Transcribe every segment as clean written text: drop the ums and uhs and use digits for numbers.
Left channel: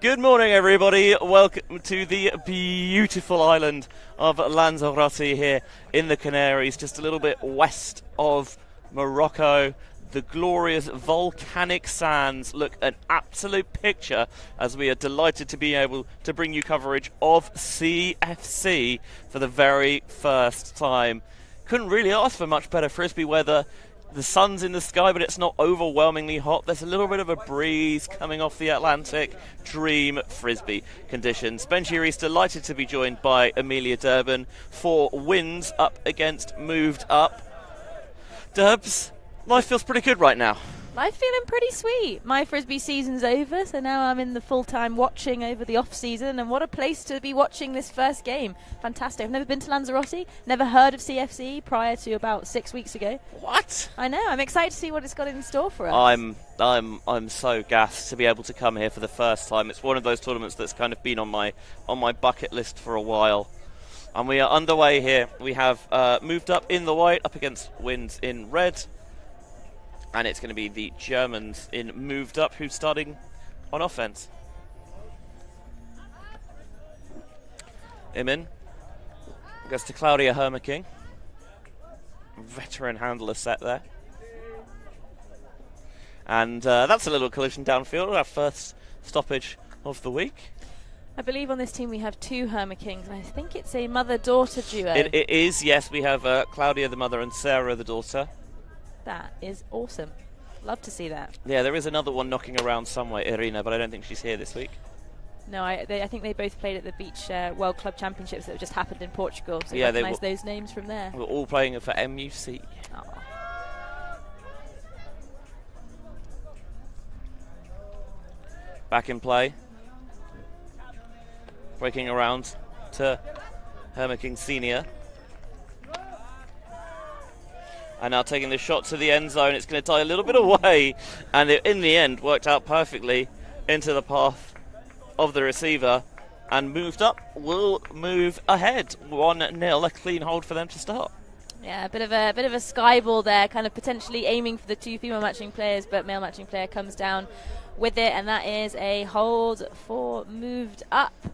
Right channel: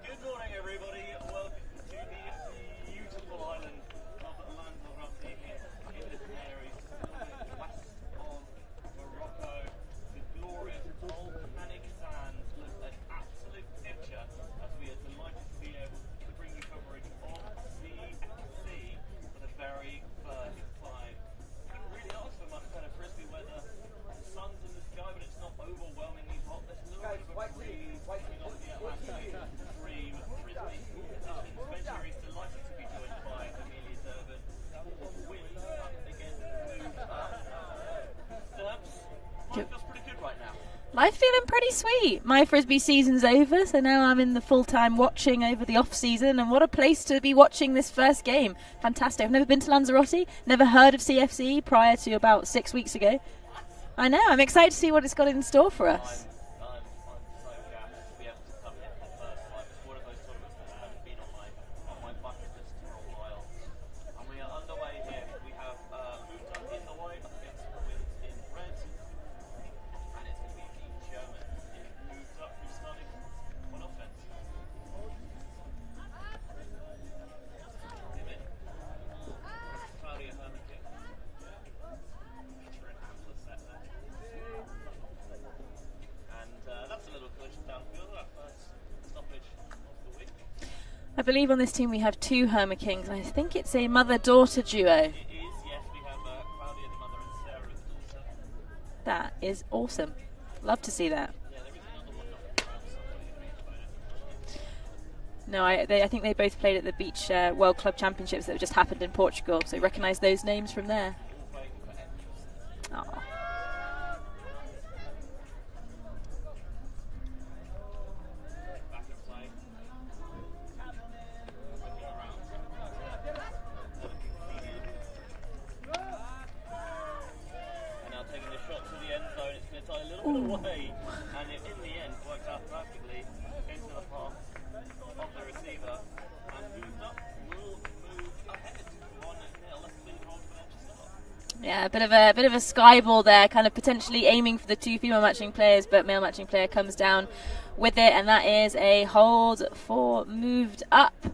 Good morning, everybody. Welcome to the beautiful island of Lanzarote here in the Canaries, just a little bit west of Morocco. The glorious volcanic sands look an absolute picture, as we are delighted to be able to bring you coverage of CFC for the very first time. Couldn't really ask for much better Frisbee weather. The sun's in the sky, but it's not overwhelmingly hot. There's a little bit of a breeze coming off the Atlantic. Dream Frisbee conditions. Ben Sheary's delighted to be joined by Amelia Durbin for wins up against moved up. Durbs, life feels pretty good right now. Life feeling pretty sweet. My Frisbee season's over, so now I'm in the full-time watching over the off-season, and what a place to be watching this first game. Fantastic. I've never been to Lanzarote, never heard of CFC prior to about 6 weeks ago. What? I know. I'm excited to see what it's got in store for us. I'm so gassed to be able to come here for the first time. It's one of those tournaments that's kind of been on my bucket list for a while. And we are underway here. We have moved up in the white, up against wins in red. And it's going to be the Germans in moved up who's starting on offense. Imin goes to Claudia Hermaking. Veteran handler set there. And that's a little collision downfield, our first stoppage of the week. I believe on this team we have two Hermakings, and I think it's a mother-daughter duo. It is, yes. We have Claudia the mother and Sarah the daughter. That is awesome. Love to see that. Yeah, there is another one knocking around somewhere, Irina, but I don't think she's here this week. No, I think they both played at the Beach World Club Championships that just happened in Portugal, so yeah, recognise those names from there. We're all playing for MUC. Aww. Back in play. Breaking around to Hermaking Senior. And now taking the shot to the end zone. It's going to die a little bit away, and it, in the end, worked out perfectly into the path of the receiver. And moved up will move ahead. 1-0, a clean hold for them to start. Yeah, a bit of a sky ball there, kind of potentially aiming for the two female matching players, but male matching player comes down with it, and that is a hold for moved up.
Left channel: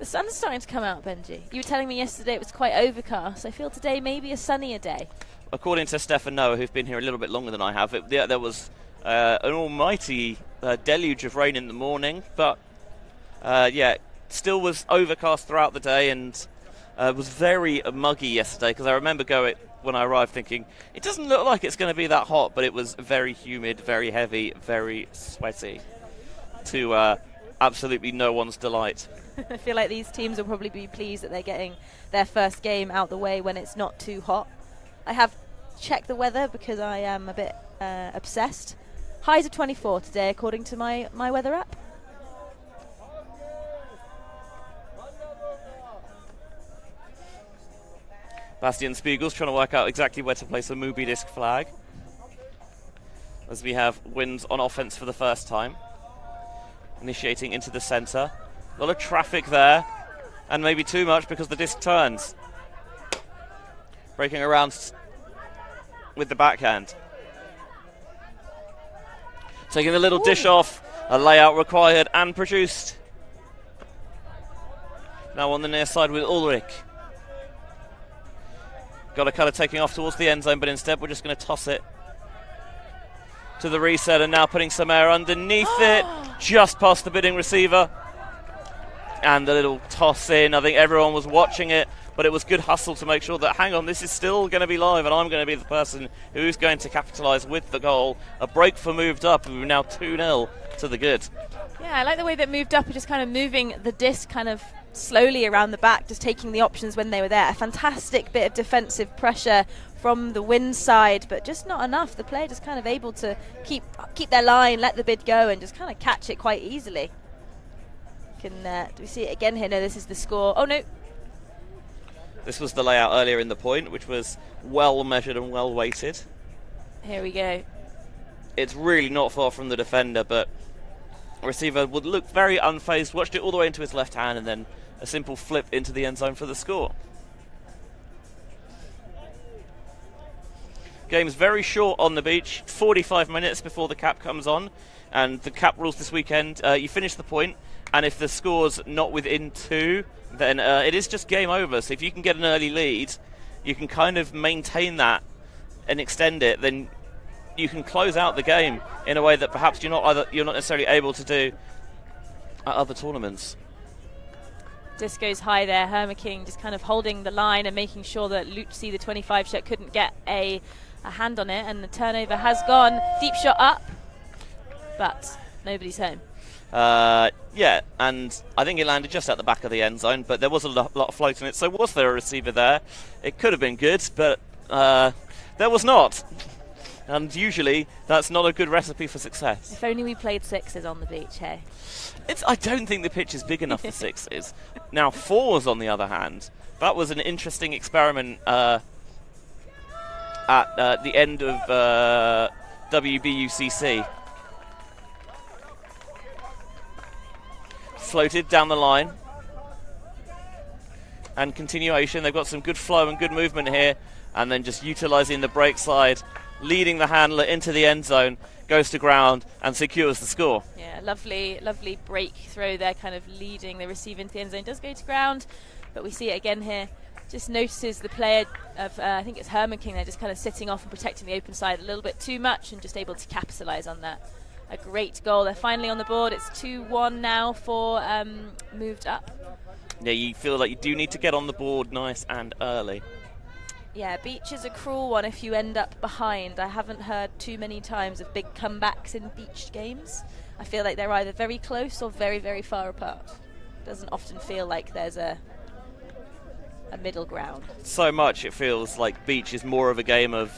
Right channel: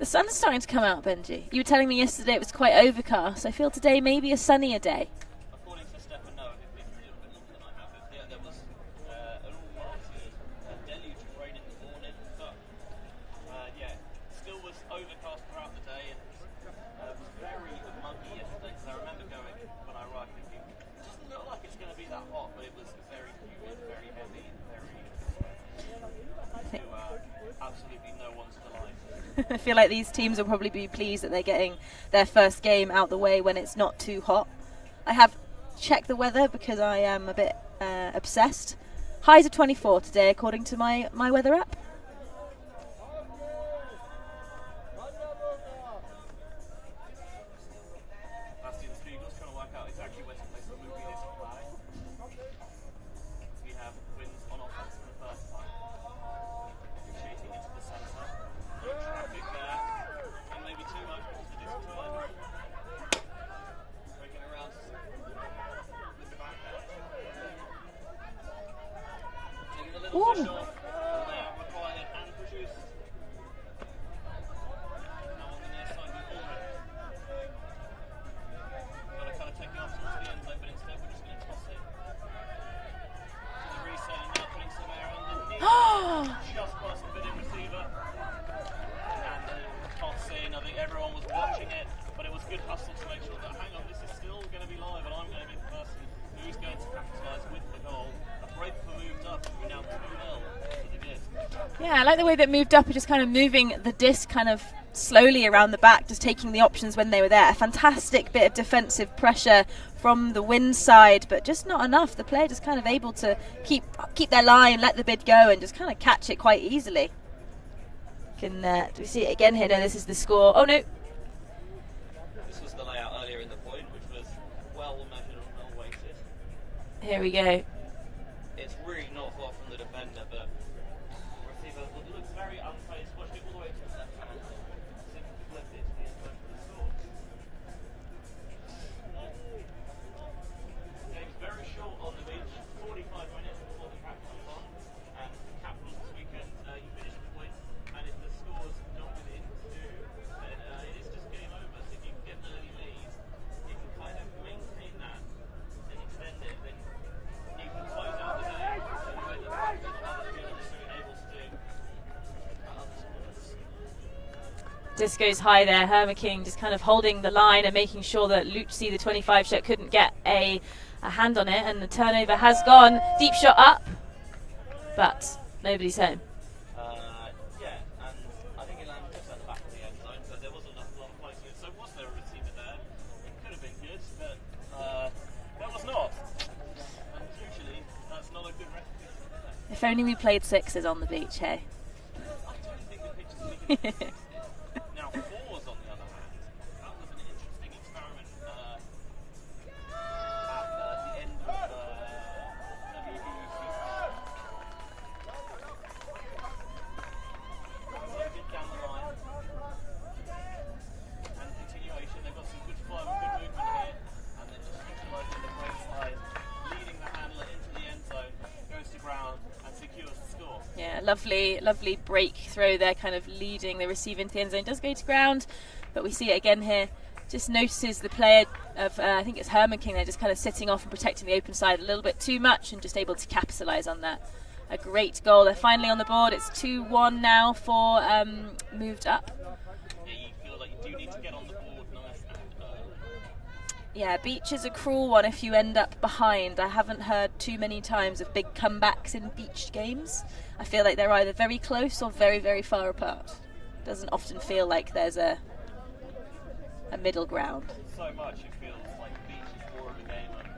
The sun's starting to come out, Benji. You were telling me yesterday it was quite overcast. I feel today maybe a sunnier day. According to Stefan Noah, who's been here a little bit longer than I have, there was an almighty deluge of rain in the morning, but still was overcast throughout the day, and was very muggy yesterday, because I remember when I arrived thinking, it doesn't look like it's going to be that hot, but it was very humid, very heavy, very sweaty, to absolutely no one's delight. I feel like these teams will probably be pleased that they're getting their first game out the way when it's not too hot. I have checked the weather because I am a bit obsessed. Highs of 24 today, according to my weather app. Bastian Spiegel's trying to work out exactly where to place the Mubi disc flag, as we have wins on offense for the first time. Initiating into the center. A lot of traffic there, and maybe too much because the disc turns. Breaking around with the backhand. Taking the little dish off, a layout required and produced. Now on the near side with Ulrich. Got a kind of taking off towards the end zone, but instead we're just going to toss it to the reset, and now putting some air underneath it, just past the bidding receiver. And the little toss in. I think everyone was watching it, but it was good hustle to make sure that, hang on, this is still going to be live, and I'm going to be the person who's going to capitalise with the goal. A break for moved up, and we're now 2-0 to the good. Yeah, I like the way that moved up are just kind of moving the disc kind of slowly around the back, just taking the options when they were there. A fantastic bit of defensive pressure from the wind side, but just not enough. The player just kind of able to keep their line, let the bid go, and just kind of catch it quite easily. Do we see it again here? No, this is the score. Oh no. This was the layout earlier in the point, which was well measured and well weighted. Here we go. It's really not far from the defender, but receiver would look very unfazed, watched it all the way into his left hand, and then a simple flip into the end zone for the score. Game's very short on the beach, 45 minutes before the cap comes on, and the cap rules this weekend, you finish the point, and if the score's not within 2, then it is just game over. So if you can get an early lead, you can kind of maintain that and extend it, then you can close out the game in a way that perhaps you're not necessarily able to do at other tournaments. Disco's high there. Hermaking just kind of holding the line and making sure that Lucci, the 25 shot, couldn't get a hand on it, and the turnover has gone. Deep shot up, but nobody's home. Yeah, and I think it landed just at the back of the end zone, but there was a lot of float in it, so was there a receiver there? It could have been good, but there was not. And usually, that's not a good recipe for success. If only we played sixes on the beach, hey? I don't think the pitch is big enough for sixes. Now, fours, on the other hand, that was an interesting experiment at the end of WBUCC. Floated down the line. And continuation, they've got some good flow and good movement here. And then just utilising the break slide, leading the handler into the end zone, goes to ground and secures the score. Yeah, lovely break throw there, kind of leading the receiver into the end zone. Does go to ground, but we see it again here. Just notices the player of, I think it's Hermaking, they're just kind of sitting off and protecting the open side a little bit too much, and just able to capitalise on that. A great goal. They're finally on the board. It's 2-1 now for moved up. Yeah, you feel like you do need to get on the board nice and early. Yeah, beach is a cruel one if you end up behind. I haven't heard too many times of big comebacks in beach games. I feel like they're either very close or very, very far apart. Doesn't often feel like there's a middle ground. So much it feels like beach is more of a game of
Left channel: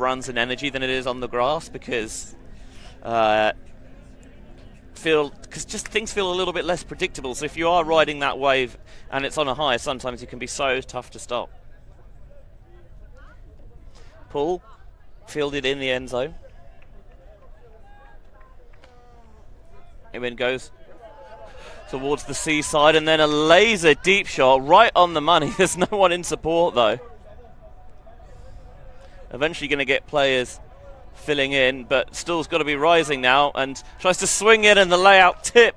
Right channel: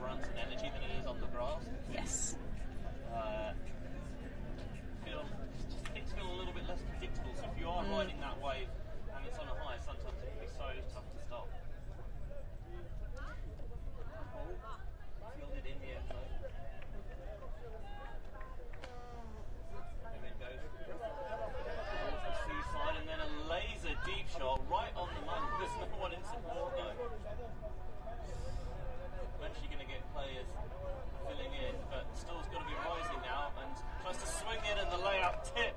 runs and energy than it is on the grass, because just things feel a little bit less predictable. So if you are riding that wave and it's on a high, sometimes it can be so tough to stop. Pull, fielded in the end zone. It goes towards the seaside, and then a laser deep shot right on the money. There's no one in support though. Eventually going to get players filling in, but still's got to be rising now, and tries to swing in, and the layout tip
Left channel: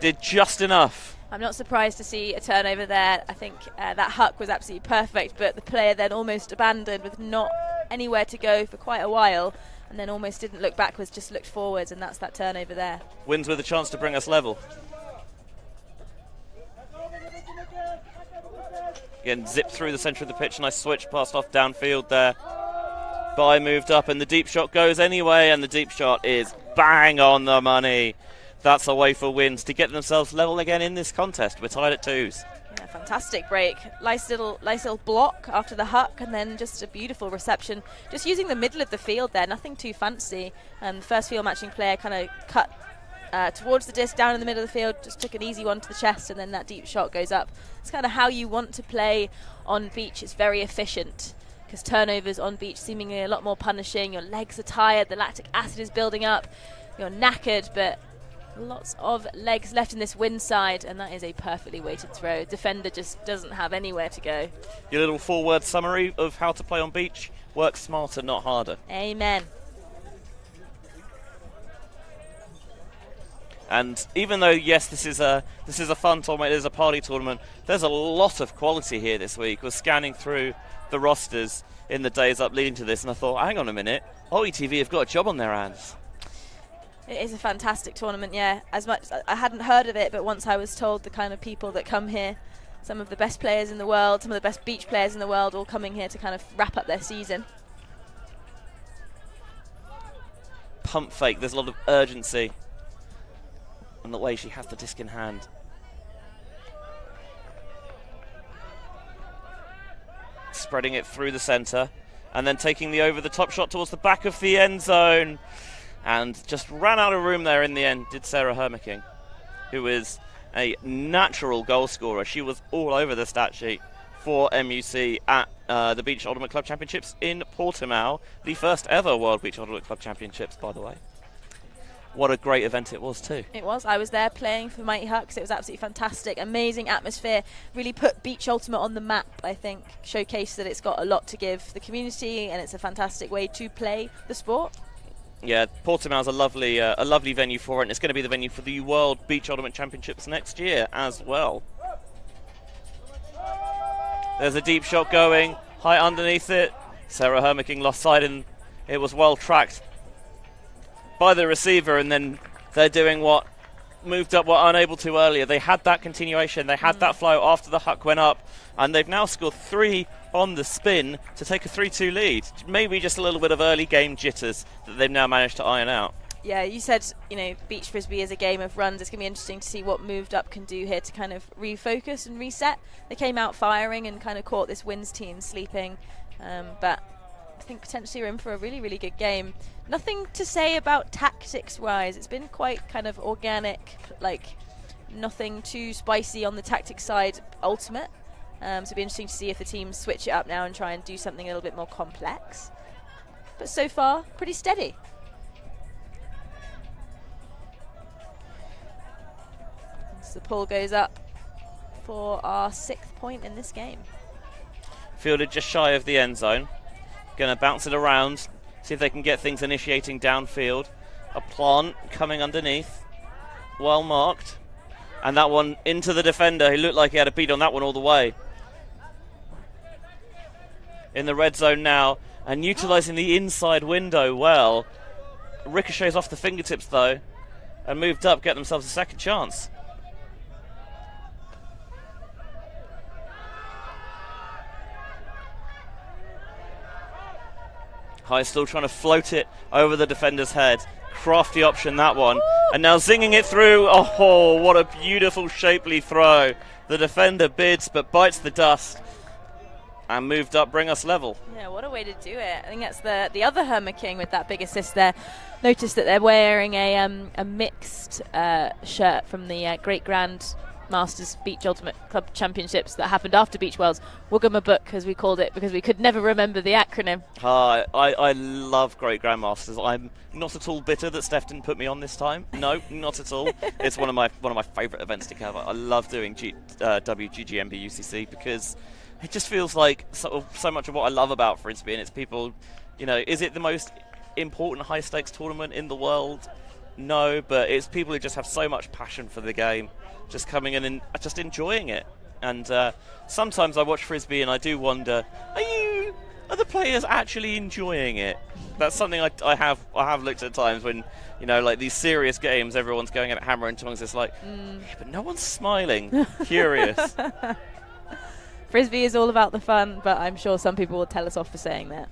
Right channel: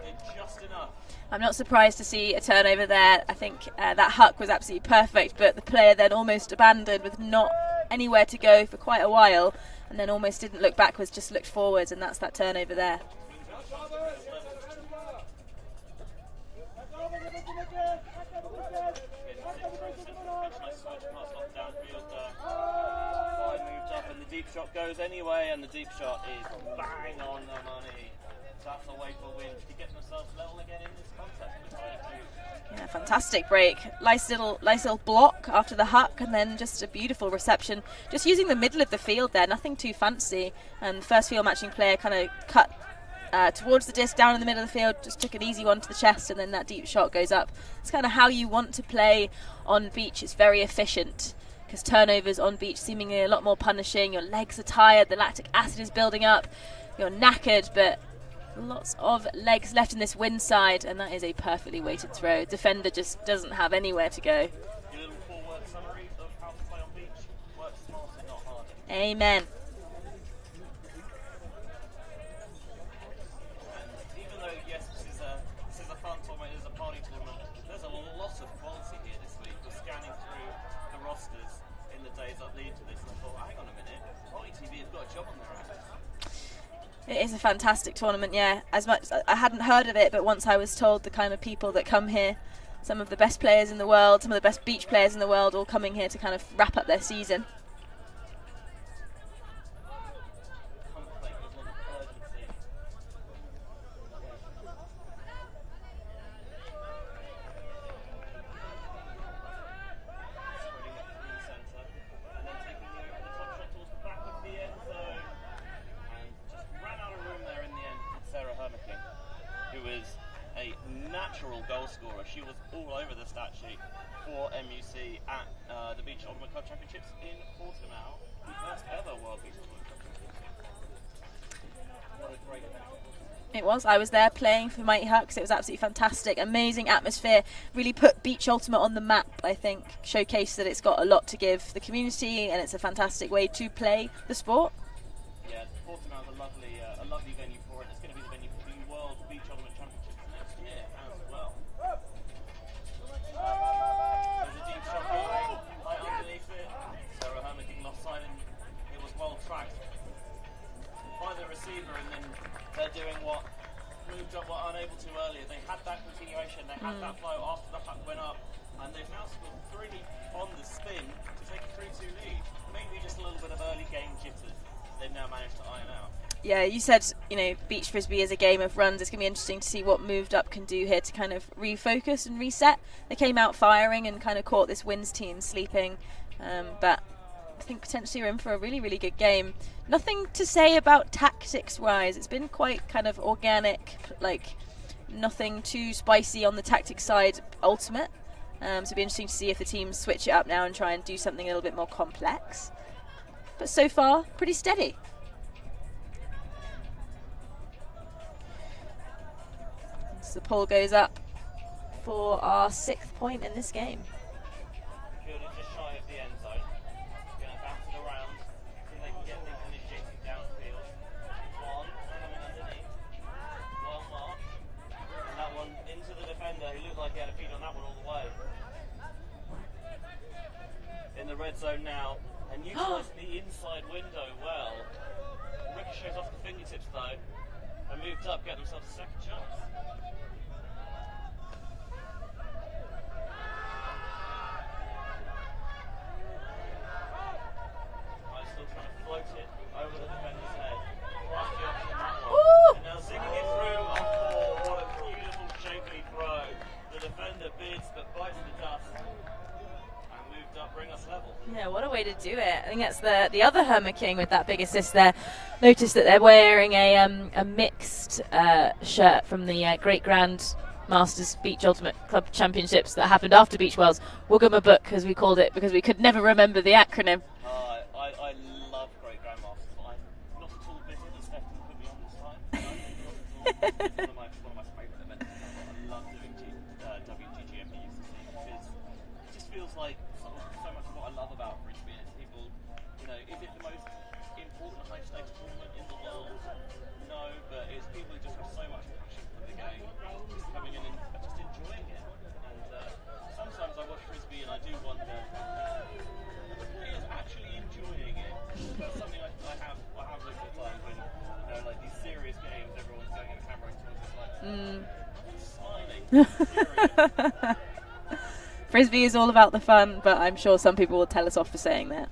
did just enough. I'm not surprised to see a turnover there. I think that huck was absolutely perfect, but the player then almost abandoned with not anywhere to go for quite a while, and then almost didn't look backwards, just looked forwards, and that's that turnover there. Wins with a chance to bring us level. Again, zip through the centre of the pitch, nice switch, passed off downfield there. By moved up, and the deep shot goes anyway, and the deep shot is bang on the money. That's a way for Wins to get themselves level again in this contest. We're tied at 2s. Yeah, fantastic break. Nice little block after the huck, and then just a beautiful reception. Just using the middle of the field there, nothing too fancy. And the first field matching player kind of cut towards the disc down in the middle of the field, just took an easy one to the chest, and then that deep shot goes up. It's kind of how you want to play on beach. It's very efficient, because turnovers on beach seemingly a lot more punishing. Your legs are tired, the lactic acid is building up, you're knackered, but lots of legs left in this wind side, and that is a perfectly weighted throw. Defender just doesn't have anywhere to go. Your little 4-word summary of how to play on beach: work smarter, not harder. Amen. And even though, yes, this is a fun tournament, it is a party tournament, there's a lot of quality here this week. We're scanning through the rosters in the days up leading to this, and I thought, hang on a minute, ULTI.TV have got a job on their hands. It is a fantastic tournament, yeah. As much I hadn't heard of it, but once I was told the kind of people that come here, some of the best players in the world, some of the best beach players in the world, all coming here to kind of wrap up their season. Pump fake, there's a lot of urgency in the way she has the disc in hand. spreading it through the centre, and then taking the over-the-top shot towards the back of the end zone, and just ran out of room there in the end, did Sarah Hermicking, who is a natural goal scorer. She was all over the stat sheet for MUC at the Beach Ultimate Club Championships in Portimao, the first ever World Beach Ultimate Club Championships, by the way. What a great event it was too. It was. I was there playing for Mighty Hucks. It was absolutely fantastic. Amazing atmosphere. Really put Beach Ultimate on the map, I think. Showcased that it's got a lot to give the community, and it's a fantastic way to play the sport. Yeah, Portimao's a lovely venue for it, and it's going to be the venue for the World Beach Ultimate Championships next year as well. There's a deep shot going, high underneath it. Sarah Hermicking lost sight, and it was well tracked by the receiver, and then they're doing what moved up were unable to earlier. They had that continuation, they had that flow after the huck went up, and they've now scored 3 on the spin to take a 3-2 lead. Maybe just a little bit of early game jitters that they've now managed to iron out. Yeah, you said, Beach Frisbee is a game of runs. It's going to be interesting to see what moved up can do here to kind of refocus and reset. They came out firing and kind of caught this Wins team sleeping, but I think potentially we're in for a really, really good game. Nothing to say about tactics-wise. It's been quite kind of organic, like nothing too spicy on the tactics side, ultimate. So it'll be interesting to see if the teams switch it up now and try and do something a little bit more complex. But so far, pretty steady. So the pull goes up for our 6th point in this game. Fielded just shy of the end zone. Going to bounce it around, see if they can get things initiating downfield. A plant coming underneath, well marked, and that one into the defender who looked like he had a beat on that one all the way. In the red zone now, and utilising the inside window well. Ricochets off the fingertips though, and moved up, get themselves a second chance. High still trying to float it over the defender's head. Crafty option, that one. And now zinging it through. Oh, what a beautiful, shapely throw. The defender bids, but bites the dust. And moved up, bring us level. Yeah, what a way to do it. I think that's the other Hermicking with that big assist there. Notice that they're wearing a mixed shirt from the Great Grand Masters Beach Ultimate Club Championships that happened after Beach Worlds. Wugama Book, as we called it, because we could never remember the acronym. I love Great Grandmasters. I'm not at all bitter that Steph didn't put me on this time. No, not at all. It's one of my favourite events to cover. I love doing WGGMB UCC because it just feels like so much of what I love about Frisbee, and it's people, is it the most important high stakes tournament in the world? No, but it's people who just have so much passion for the game, just coming in and just enjoying it. And sometimes I watch Frisbee and I do wonder, are the players actually enjoying it? That's something I have looked at times when, like these serious games, everyone's going at hammer and tongs. It's like, but no one's smiling. Curious. Frisbee is all about the fun, but I'm sure some people will tell us off for saying that.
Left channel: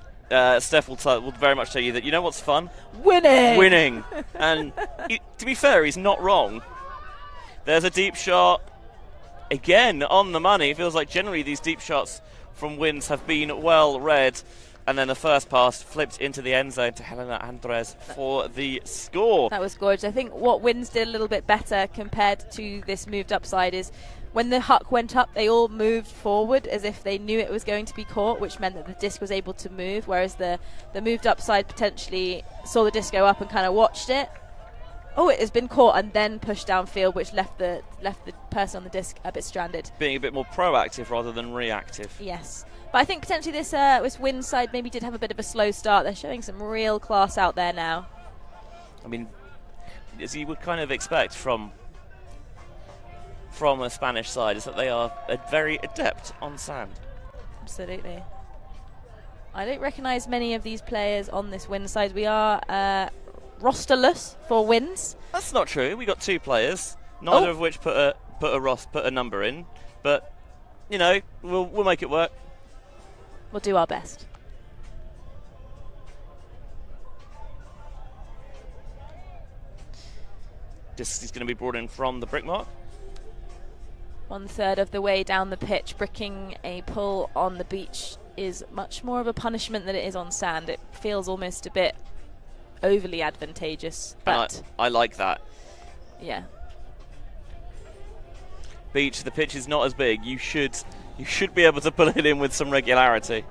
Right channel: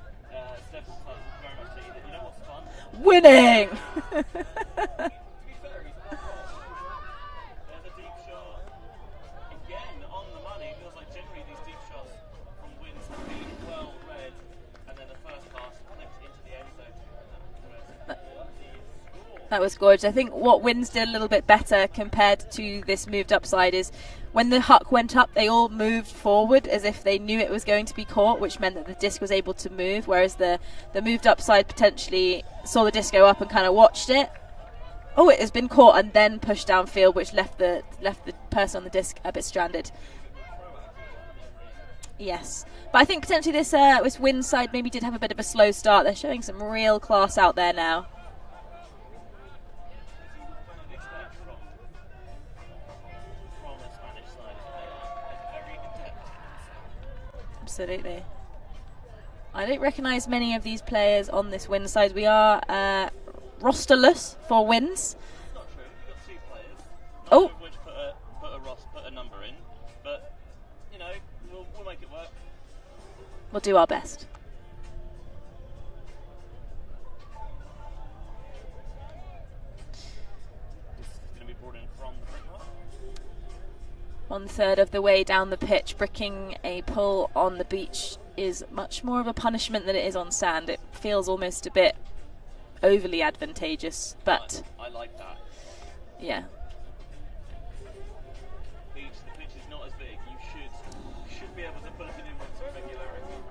Steph will very much tell you that what's fun? Winning! And to be fair, he's not wrong. There's a deep shot. Again, on the money. It feels like generally these deep shots from Wins have been well read. And then the first pass flipped into the end zone to Helena Andres for the score. That was gorgeous. I think what Wins did a little bit better compared to this moved up side is when the huck went up, they all moved forward as if they knew it was going to be caught, which meant that the disc was able to move, whereas the moved up side potentially saw the disc go up and kind of watched it. Oh, it has been caught and then pushed downfield, which left the person on the disc a bit stranded. Being a bit more proactive rather than reactive. Yes. But I think potentially this Wins side maybe did have a bit of a slow start. They're showing some real class out there now. I mean, as you would kind of expect from a Spanish side, is that they are very adept on sand. Absolutely. I don't recognise many of these players on this Wins side. We are rosterless for Wins. That's not true. We got 2 players, neither of which put a number in. But we'll make it work. We'll do our best. This is going to be brought in from the brick mark. 1/3 of the way down the pitch, bricking a pull on the Beach is much more of a punishment than it is on sand. It feels almost a bit overly advantageous, but I like that. Yeah. Beach, the pitch is not as big. You should be able to pull it in with some regularity.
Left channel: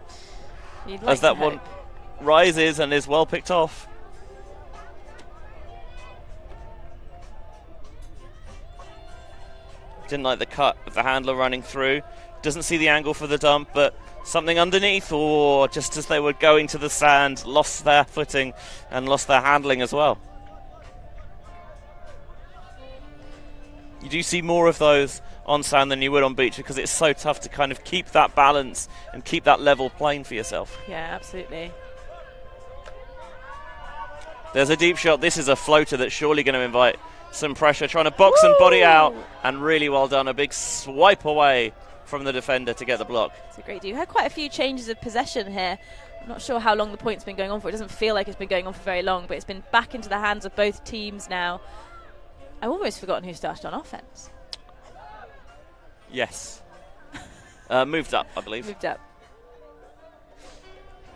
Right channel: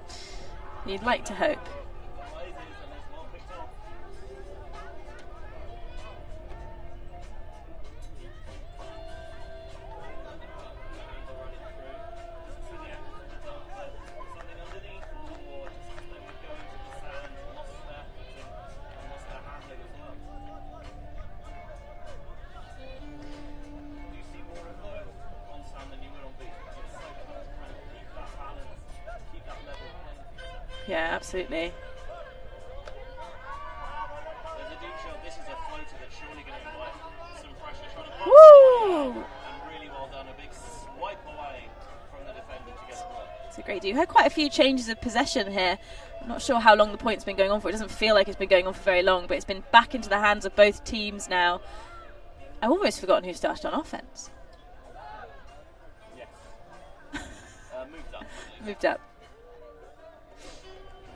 You'd like to hope. Rises and is well picked off. Didn't like the cut of the handler running through. Doesn't see the angle for the dump, but something underneath, or just as they were going to the sand, lost their footing and lost their handling as well. You do see more of those on sand than you would on beach because it's so tough to kind of keep that balance and keep that level plane for yourself. Yeah, absolutely. There's a deep shot. This is a floater that's surely going to invite some pressure, trying to box and body out, and really well done. A big swipe away from the defender to get the block. It's a great do. You had quite a few changes of possession here. I'm not sure how long the point's been going on for. It doesn't feel like it's been going on for very long, but it's been back into the hands of both teams now. I've almost forgotten who started on offense. Yes. Moved up, I believe. Moved up.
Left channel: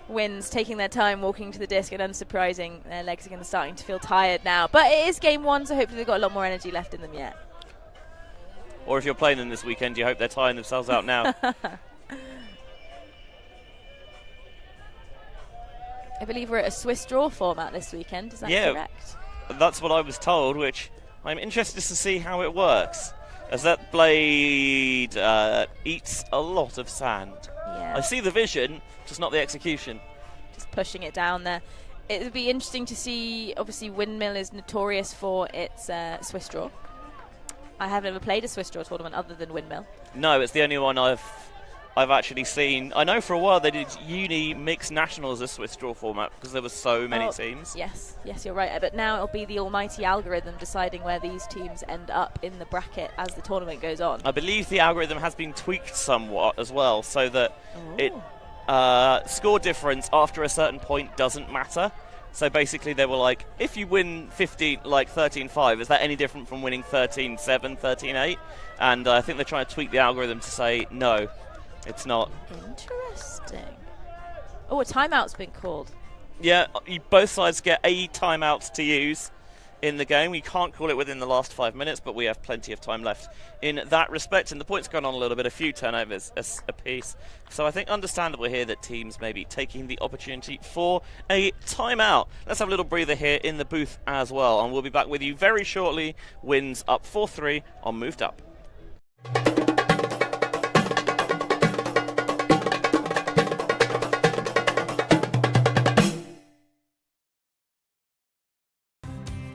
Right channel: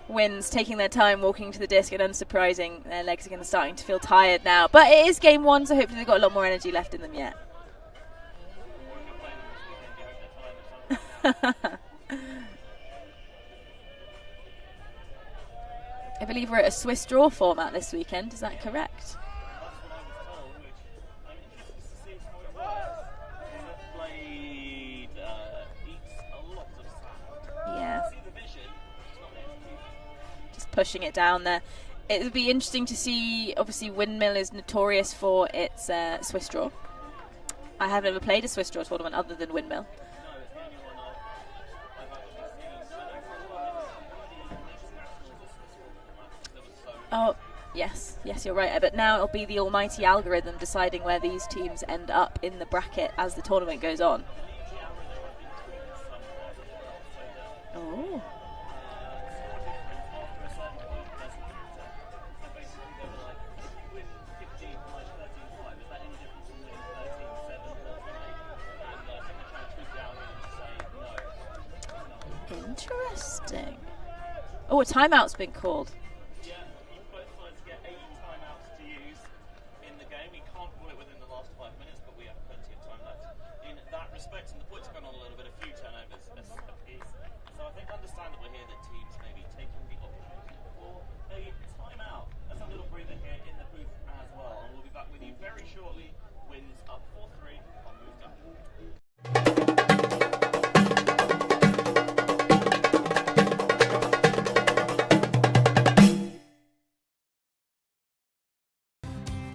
Wins, taking their time walking to the disc, and unsurprising, their legs are going to starting to feel tired now. But it is game one, so hopefully they've got a lot more energy left in them yet. Or if you're playing them this weekend, you hope they're tiring themselves out now. I believe we're at a Swiss draw format this weekend, is that correct? That's what I was told, which I'm interested to see how it works, as that blade eats a lot of sand. Yeah. I see the vision, just not the execution. Just pushing it down there. It would be interesting to see. Obviously, Windmill is notorious for its Swiss draw. I have never played a Swiss draw tournament other than Windmill. No, it's the only one I've actually seen. I know for a while they did uni mixed nationals as Swiss draw format because there were so many teams. Yes, you're right. But now it'll be the almighty algorithm deciding where these teams end up in the bracket as the tournament goes on. I believe the algorithm has been tweaked somewhat as well, so that score difference after a certain point doesn't matter. So basically they were like, if you win 13-5, is that any different from winning 13-7, 13-8? And I think they're trying to tweak the algorithm to say, no, it's not. Interesting. Oh, a timeout's been called. Yeah, both sides get a timeout to use in the game. We can't call it within the last 5 minutes, but we have plenty of time left in that respect. And the point's gone on a little bit, a few turnovers a piece. So I think understandable here that teams may be taking the opportunity for a timeout. Let's have a little breather here in the booth as well. And we'll be back with you very shortly. Wins up 4-3 on Moved Up.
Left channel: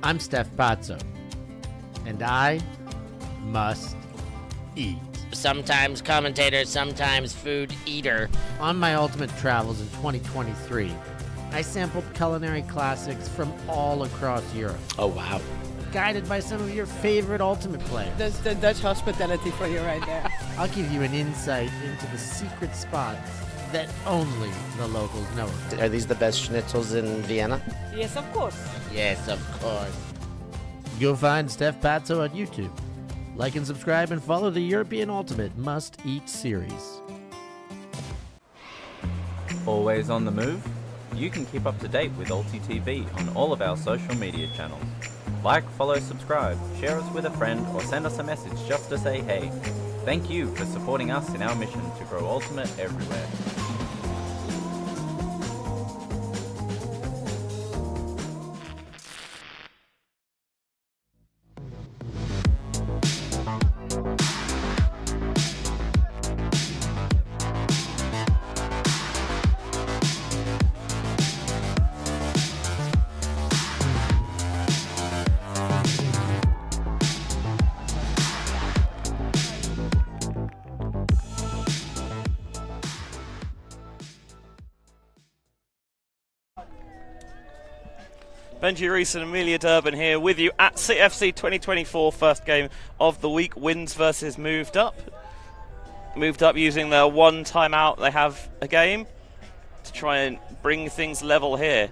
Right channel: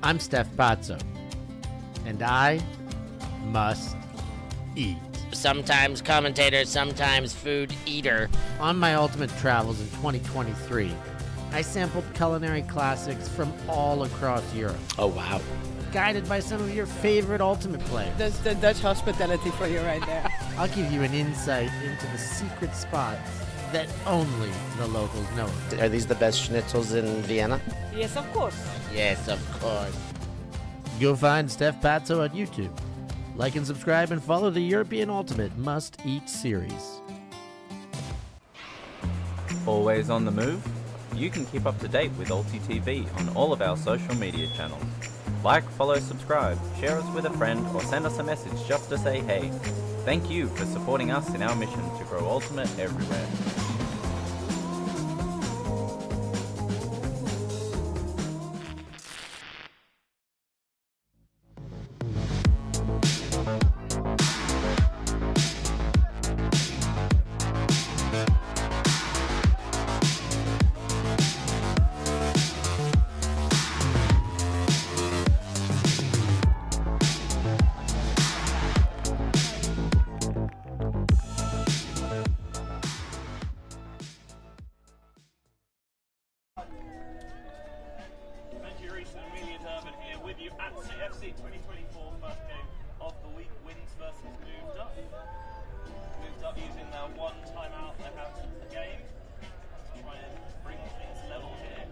I'm Steph Pazzo, and I must eat. Sometimes commentator, sometimes food eater. On my ultimate travels in 2023, I sampled culinary classics from all across Europe. Oh, wow. Guided by some of your favorite ultimate players. That's the Dutch hospitality for you right there. I'll give you an insight into the secret spots that only the locals know. Are these the best schnitzels in Vienna? Yes, of course. Yes, of course. Go find Steph Pazzo on YouTube. Like and subscribe and follow the European Ultimate Must Eat series. Always on the move? You can keep up to date with ULTI.TV on all of our social media channels. Like, follow, subscribe, share us with a friend, or send us a message just to say hey. Thank you for supporting us in our mission to grow Ultimate everywhere. Benji Reese and Amelia Durbin here with you at CFC 2024, first game of the week. Wins versus Moved Up. Moved Up using their one timeout they have a game to try and bring things level here.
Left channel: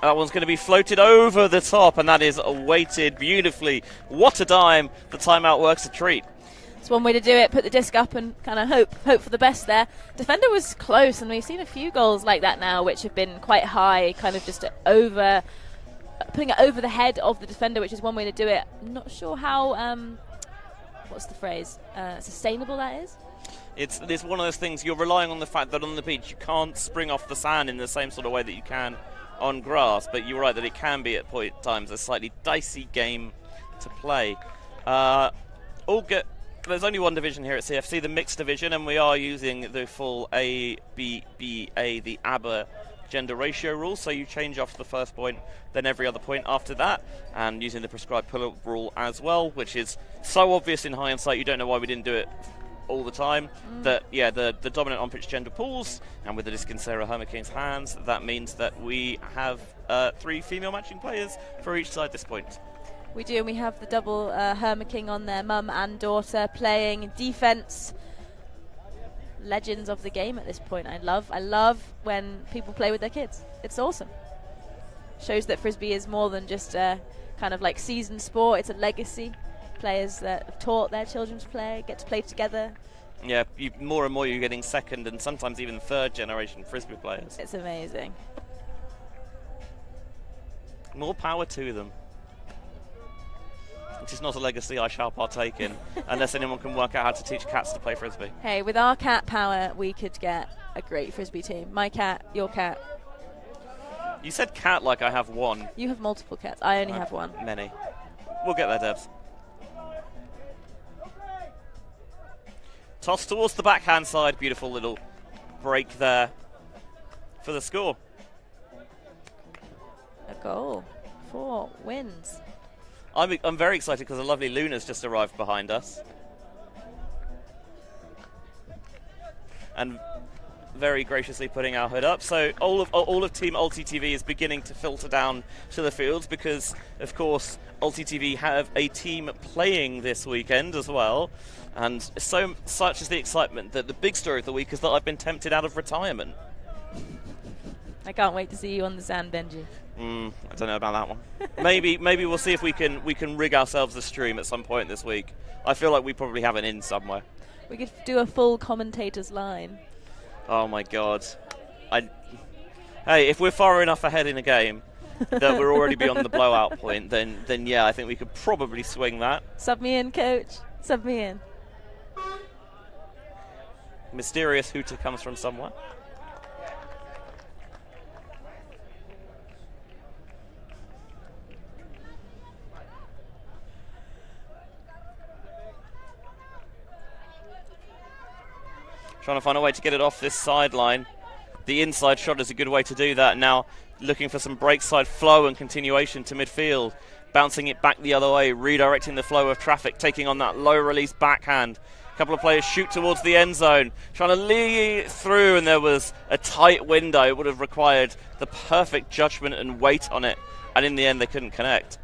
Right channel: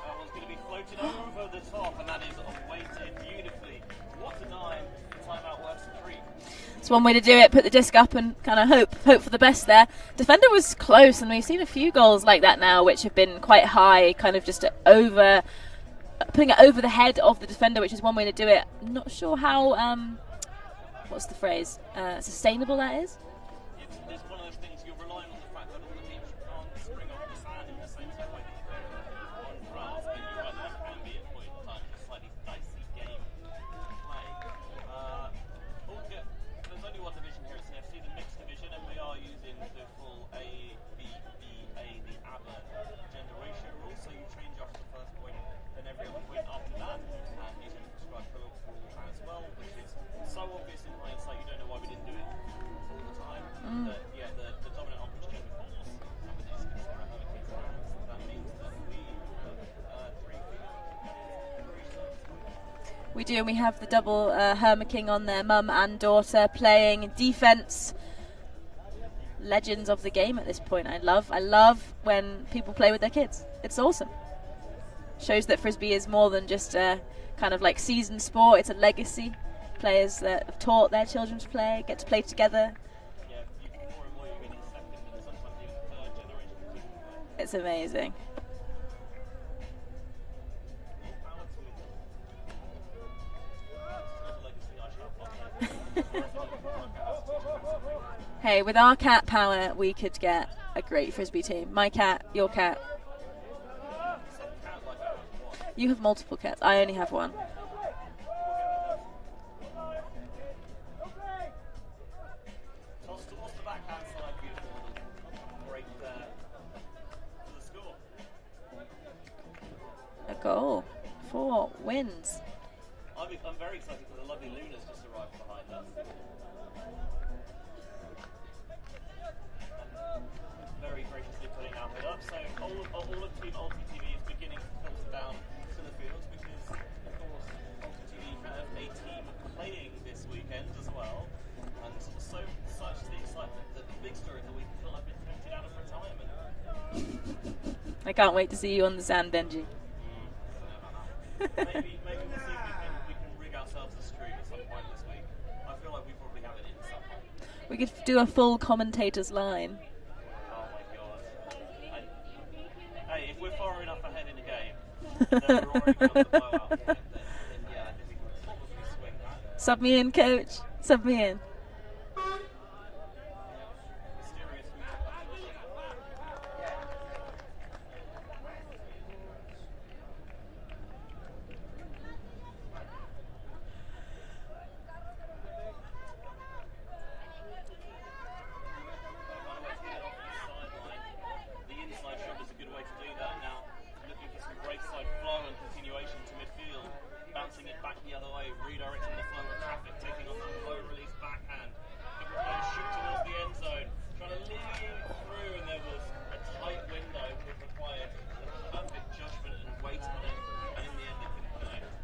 That one's going to be floated over the top, and that is weighted beautifully. What a dime. The timeout works a treat. It's one way to do it. Put the disc up and kind of hope for the best there. Defender was close, and we've seen a few goals like that now, which have been quite high, kind of just putting it over the head of the defender, which is one way to do it. I'm not sure how, what's the phrase, sustainable that is. It's one of those things, you're relying on the fact that on the beach you can't spring off the sand in the same sort of way that you can on grass, but you're right that it can be at times a slightly dicey game to play. There's only one division here at CFC, the mixed division, and we are using the full A, B, B, A, the ABBA gender ratio rule, so you change off the first point, then every other point after that, and using the prescribed pull-up rule as well, which is so obvious in hindsight you don't know why we didn't do it all the time. That the dominant on-pitch gender pulls, and with the disc in Sarah Hermiking's hands, that means that we have 3 female matching players for each side at this point. We do, and we have the double Hermiking on there, mum and daughter, playing defense. Legends of the game at this point. I love when people play with their kids. It's awesome. Shows that Frisbee is more than just a kind of like seasoned sport. It's a legacy. Players that have taught their children to play, get to play together. Yeah, more and more you're getting second and sometimes even third generation Frisbee players. It's amazing. More power to them. Which is not a legacy I shall partake in, unless anyone can work out how to teach cats to play Frisbee. Hey, with our cat power, we could get a great Frisbee team. My cat, your cat. You said cat like I have one. You have multiple cats. I only have one. Many. We'll get there, Debs. Toss towards the backhand side. Beautiful little break there for the score. A goal. 4 wins. I'm very excited because a lovely Luna's just arrived behind us. And very graciously putting our hood up. So all of Team ULTI.TV is beginning to filter down to the fields because, of course, ULTI.TV have a team playing this weekend as well. And such is the excitement that the big story of the week is that I've been tempted out of retirement. I can't wait to see you on the sand, Benji. I don't know about that one. maybe we'll see if we can rig ourselves a stream at some point this week. I feel like we probably have an in somewhere. We could do a full commentator's line. Oh my god. Hey, if we're far enough ahead in a game that we're already beyond the blowout point, then yeah, I think we could probably swing that. Sub me in, coach. Sub me in. Mysterious hooter comes from somewhere. Trying to find a way to get it off this sideline. The inside shot is a good way to do that. Now looking for some break side flow and continuation to midfield. Bouncing it back the other way, redirecting the flow of traffic, taking on that low release backhand. A couple of players shoot towards the end zone, trying to lead through, and there was a tight window. It would have required the perfect judgment and weight on it, and in the end they couldn't connect.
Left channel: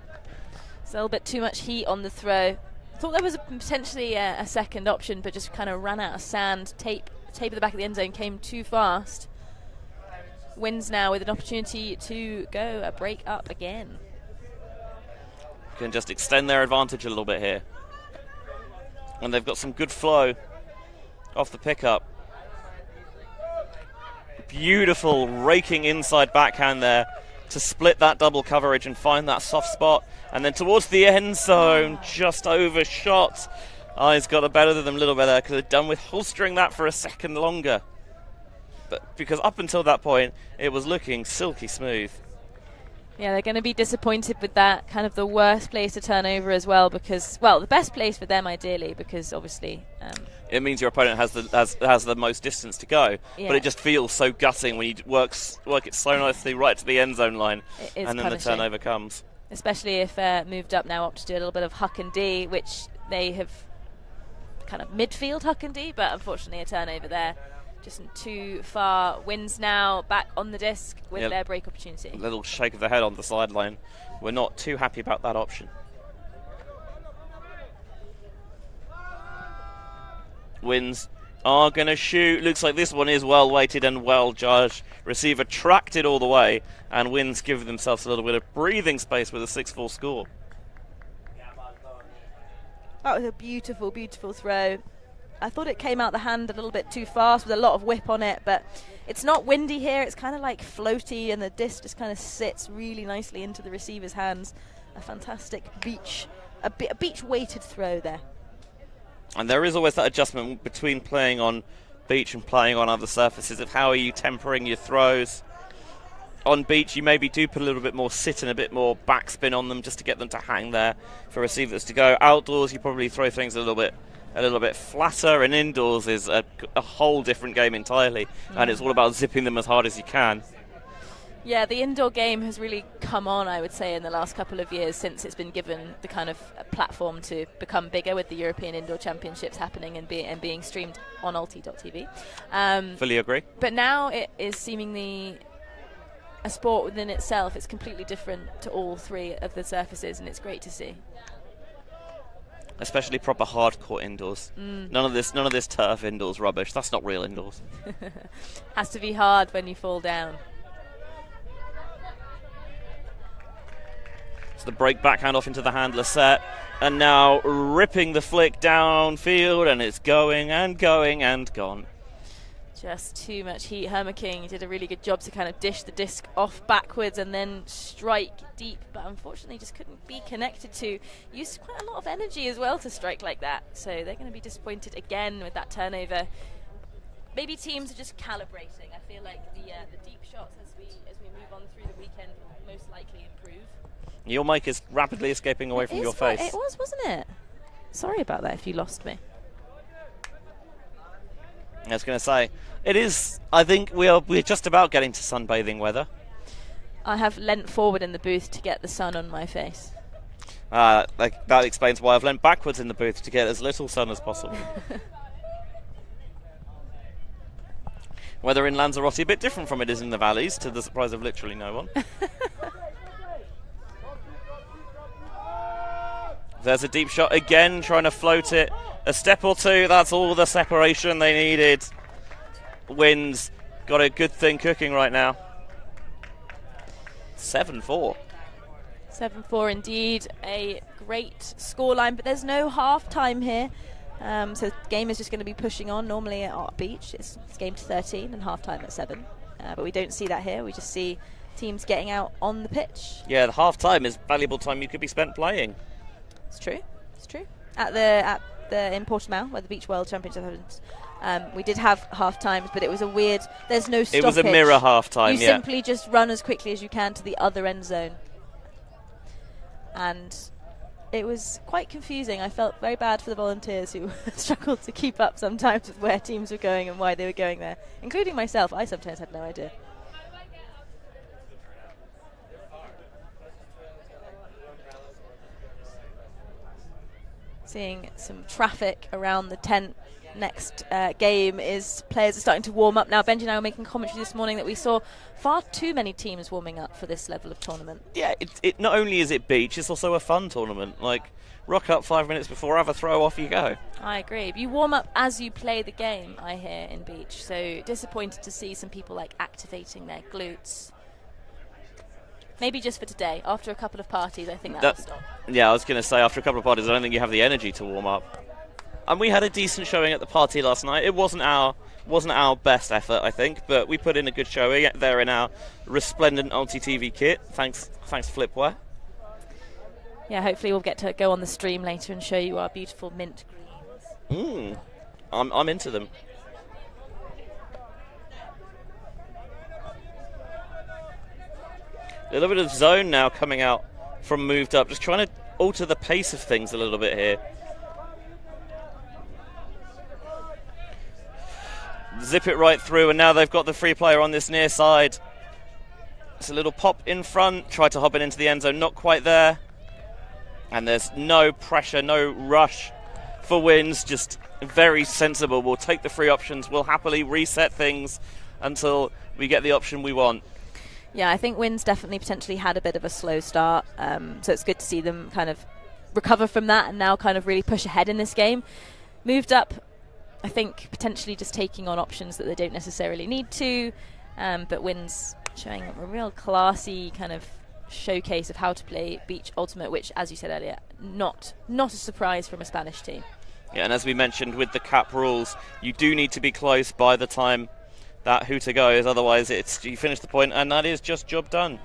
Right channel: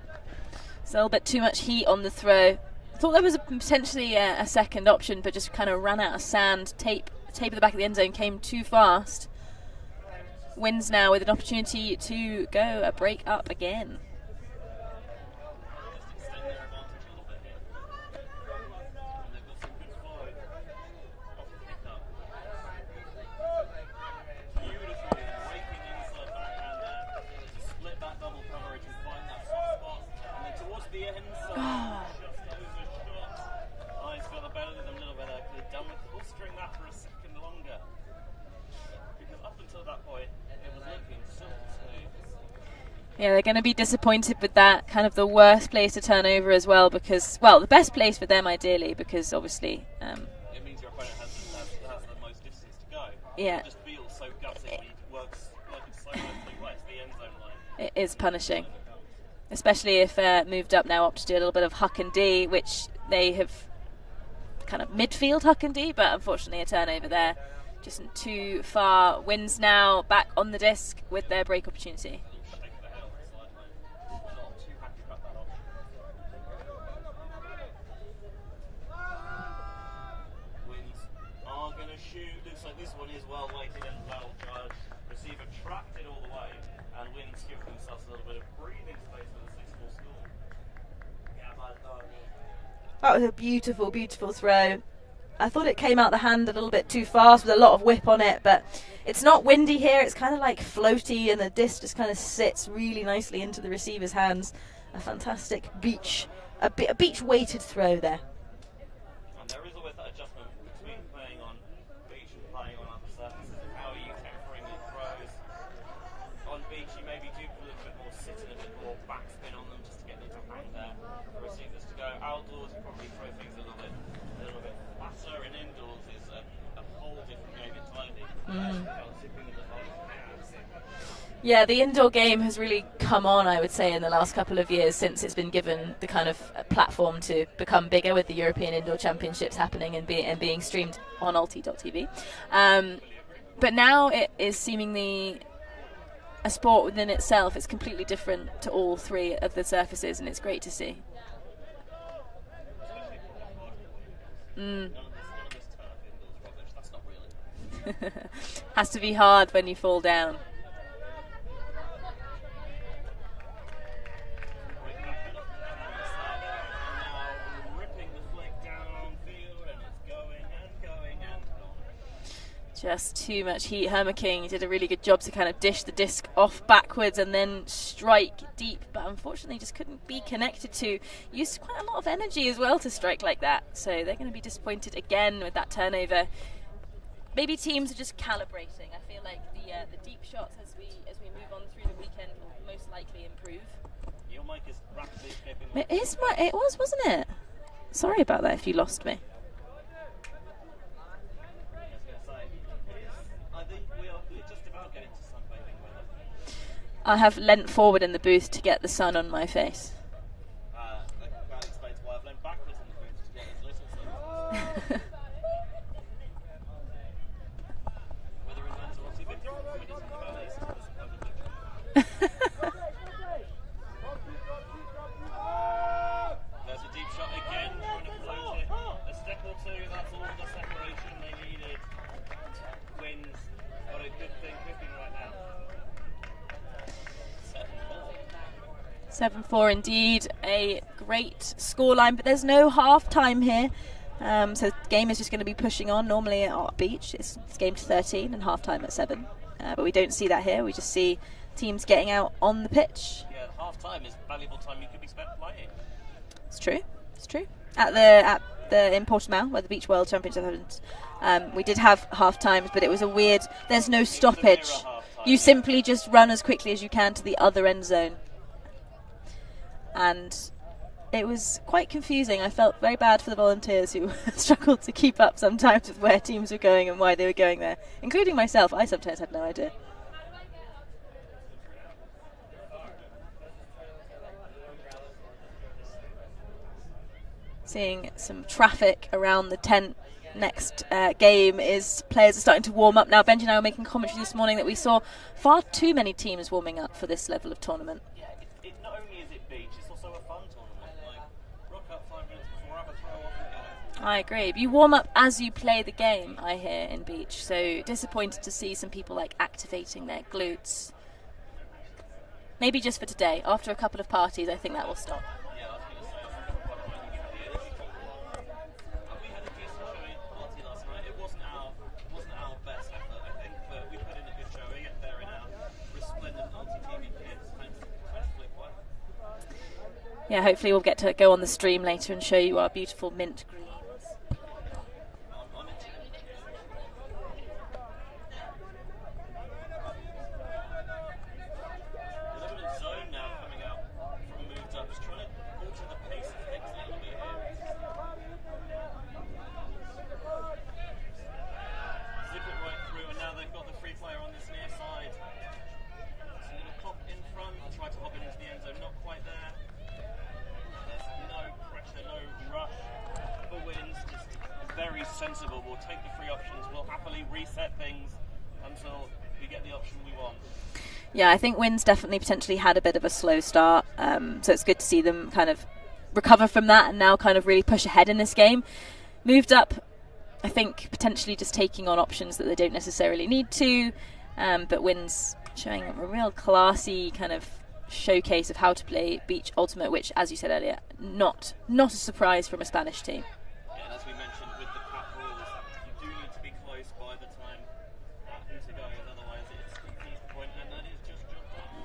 It's a little bit too much heat on the throw. Thought there was potentially a second option, but just kind of ran out of sand. Tape at the back of the end zone came too fast. Wins now with an opportunity to go a break up again. Can just extend their advantage a little bit here. And they've got some good flow off the pickup. Beautiful raking inside backhand there to split that double coverage and find that soft spot. And then towards the end zone, just overshot. He's got a better than them a little bit there. Could have done with holstering that for a second longer. But because up until that point, it was looking silky smooth. Yeah, they're going to be disappointed with that. Kind of the worst place to turn over as well because, well, the best place for them ideally because obviously... it means your opponent has the most distance to go. Yeah. But it just feels so gutting when you work it so nicely right to the end zone line. It is and then punishing. The turnover comes. Especially if moved up now up to do a little bit of huck and D, which they have kind of midfield huck and D, but unfortunately a turnover there. Just too far. Wins now back on the disc with their break opportunity. A little shake of the head on the sideline. We're not too happy about that option. Wins are going to shoot. Looks like this one is well weighted and well judged. Receiver tracked it all the way, and Wins give themselves a little bit of breathing space with a 6-4 score. That was a beautiful, beautiful throw. I thought it came out the hand a little bit too fast with a lot of whip on it, but it's not windy here. It's kind of like floaty, and the disc just kind of sits really nicely into the receiver's hands. A fantastic beach, a beach-weighted throw there. And there is always that adjustment between playing on beach and playing on other surfaces of how are you tempering your throws. On beach, you maybe do put a little bit more sit and a bit more backspin on them just to get them to hang there for receivers to go. Outdoors, you probably throw things a little bit flatter, and indoors is a whole different game entirely, and it's all about zipping them as hard as you can. Yeah, the indoor game has really come on, I would say, in the last couple of years since it's been given the kind of platform to become bigger with the European Indoor Championships happening and being streamed on ULTI.TV. Fully agree. But now it is seemingly a sport within itself. It's completely different to all three of the surfaces, and it's great to see. Especially proper hardcore indoors. None of this turf indoors rubbish. That's not real indoors. Has to be hard when you fall down. So the break backhand off into the handler set, and now ripping the flick downfield, and it's going and going and gone. Just too much heat. Herma King did a really good job to kind of dish the disc off backwards and then strike deep, but unfortunately just couldn't be connected to. Used quite a lot of energy as well to strike like that, so they're going to be disappointed again with that turnover. Maybe teams are just calibrating. I feel like the deep shots as we move on through the weekend will most likely improve. Your mic is rapidly escaping away from your face. It was, wasn't it? Sorry about that if you lost me. I was going to say, it is, I think we're just about getting to sunbathing weather. I have leant forward in the booth to get the sun on my face. That explains why I've leant backwards in the booth to get as little sun as possible. Weather in Lanzarote a bit different from it is in the valleys, to the surprise of literally no one. There's a deep shot again, trying to float it a step or two. That's all the separation they needed. Wins got a good thing cooking right now. 7-4. 7-4 indeed. A great scoreline, but there's no half-time here. So the game is just going to be pushing on. Normally at Art Beach, it's game to 13 and half-time at 7. But we don't see that here. We just see teams getting out on the pitch. Yeah, the half-time is valuable time you could be spent playing. It's true. It's true. In Portimao, where the Beach World Championship happened, we did have half times, but it was a weird. There's no stoppage. It was a mirror half time. You simply just run as quickly as you can to the other end zone, and it was quite confusing. I felt very bad for the volunteers who struggled to keep up sometimes with where teams were going and why they were going there, including myself. I sometimes had no idea. Seeing some traffic around the tent. Next game is players are starting to warm up now. Benji and I were making commentary this morning that we saw far too many teams warming up for this level of tournament. Yeah, it not only is it beach, it's also a fun tournament. Like, rock up 5 minutes before, have a throw, off you go. I agree. You warm up as you play the game, I hear, in beach. So disappointed to see some people like activating their glutes. Maybe just for today. After a couple of parties, I think that will stop. Yeah, I was going to say, after a couple of parties, I don't think you have the energy to warm up. And we had a decent showing at the party last night. It wasn't our best effort, I think, but we put in a good showing there in our resplendent ULTI.TV kit. Thanks Flipware. Yeah, hopefully we'll get to go on the stream later and show you our beautiful mint greens. I'm into them. A little bit of zone now coming out from moved up, just trying to alter the pace of things a little bit here. Zip it right through, and now they've got the free player on this near side. It's a little pop in front, tried to hop it into the end zone, not quite there. And there's no pressure, no rush for wins, just very sensible. We'll take the free options, we'll happily reset things until we get the option we want. Yeah, I think Wins definitely potentially had a bit of a slow start, so it's good to see them kind of recover from that and now kind of really push ahead in this game. Moved up, I think, potentially just taking on options that they don't necessarily need to, but Wins showing a real classy kind of showcase of how to play Beach Ultimate, which, as you said earlier, not a surprise from a Spanish team. Yeah, and as we mentioned with the cap rules, you do need to be close by the time that hooter goes, otherwise you finish the point, and that is just job done.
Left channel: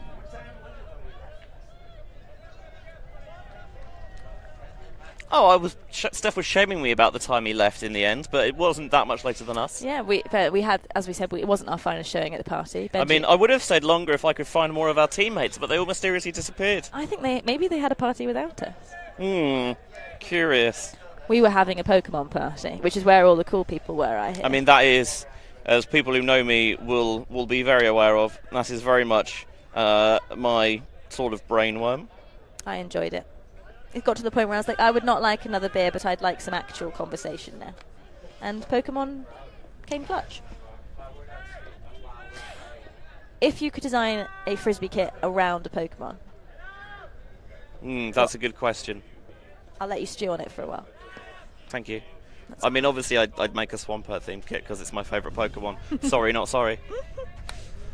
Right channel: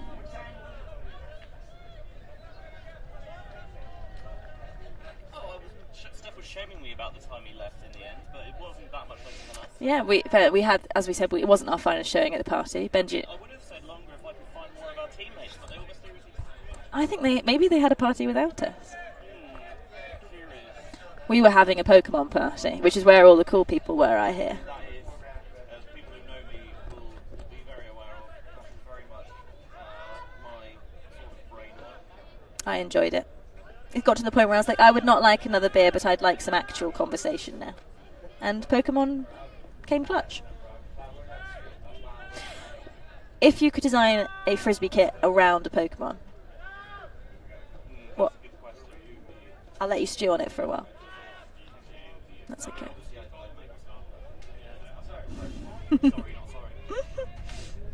Oh, Steph was shaming me about the time he left in the end, but it wasn't that much later than us. Yeah, we had, as we said, it wasn't our finest showing at the party. Benji, I mean, I would have stayed longer if I could find more of our teammates, but they all mysteriously disappeared. I think maybe they had a party without us. Curious. We were having a Pokemon party, which is where all the cool people were, I hear. I mean, that is, as people who know me will be very aware of, that is very much my sort of brainworm. I enjoyed it. It got to the point where I was like, I would not like another beer, but I'd like some actual conversation now. And Pokemon came clutch. If you could design a Frisbee kit around a Pokemon. That's a good question. I'll let you stew on it for a while. Thank you. I mean, obviously, I'd make a Swampert themed kit because it's my favourite Pokemon. Sorry, not sorry.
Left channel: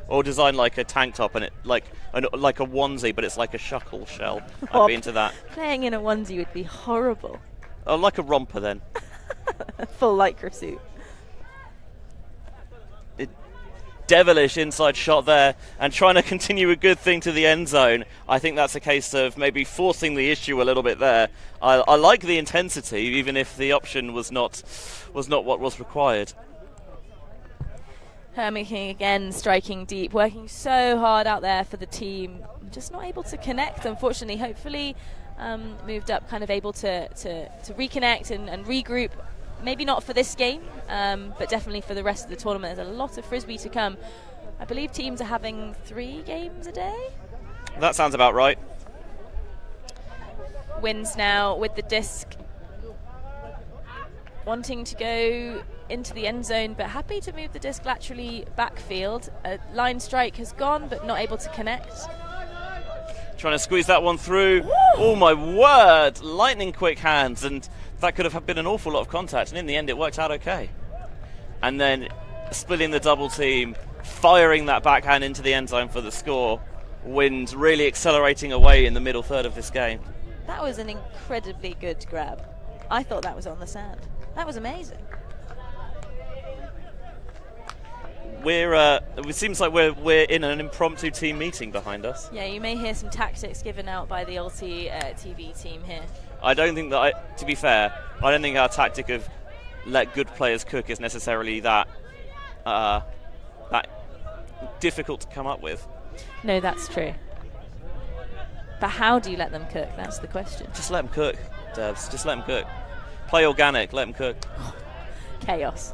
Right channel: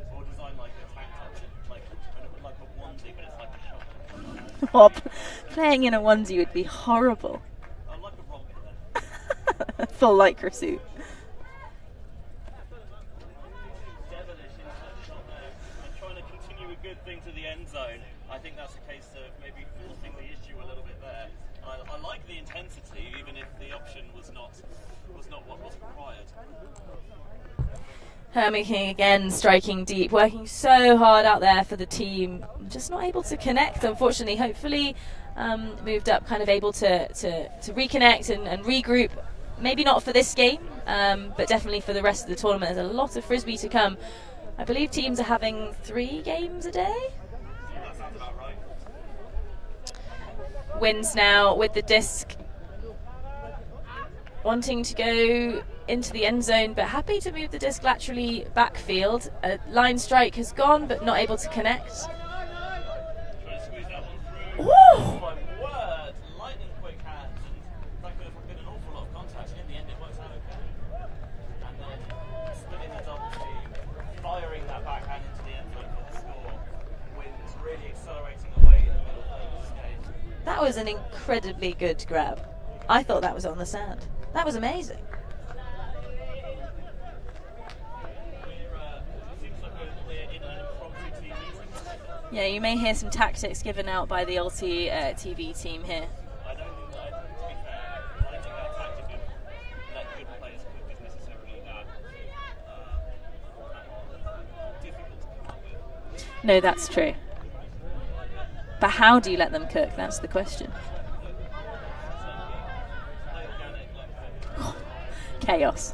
Or design like a tank top and it like a onesie, but it's like a shuckle shell. I'd be into that. Playing in a onesie would be horrible. Oh, like a romper then. Full lycra suit. Devilish inside shot there, and trying to continue a good thing to the end zone. I think that's a case of maybe forcing the issue a little bit there. I like the intensity, even if the option was not what was required. Hermit King again striking deep, working so hard out there for the team, just not able to connect, unfortunately. Hopefully moved up, kind of able to reconnect and regroup. Maybe not for this game, but definitely for the rest of the tournament. There's a lot of Frisbee to come. I believe teams are having 3 games a day. That sounds about right. Wins now with the disc, wanting to go into the end zone, but happy to move the disc laterally backfield. Line strike has gone, but not able to connect. Trying to squeeze that one through. Woo! Oh my word! Lightning quick hands, and that could have been an awful lot of contact, and in the end it worked out okay. And then splitting the double team, firing that backhand into the end zone for the score. Wind really accelerating away in the middle third of this game. That was an incredibly good grab. I thought that was on the sand. That was amazing. It seems like we're in an impromptu team meeting behind us. Yeah, you may hear some tactics given out by the ULTI.TV team here. I don't think that, to be fair, I don't think our tactic of let good players cook is necessarily that difficult to come up with. No, that's true. But how do you let them cook? That's the question. Just let them cook, Debs. Just let them cook. Play organic, let them cook. Chaos.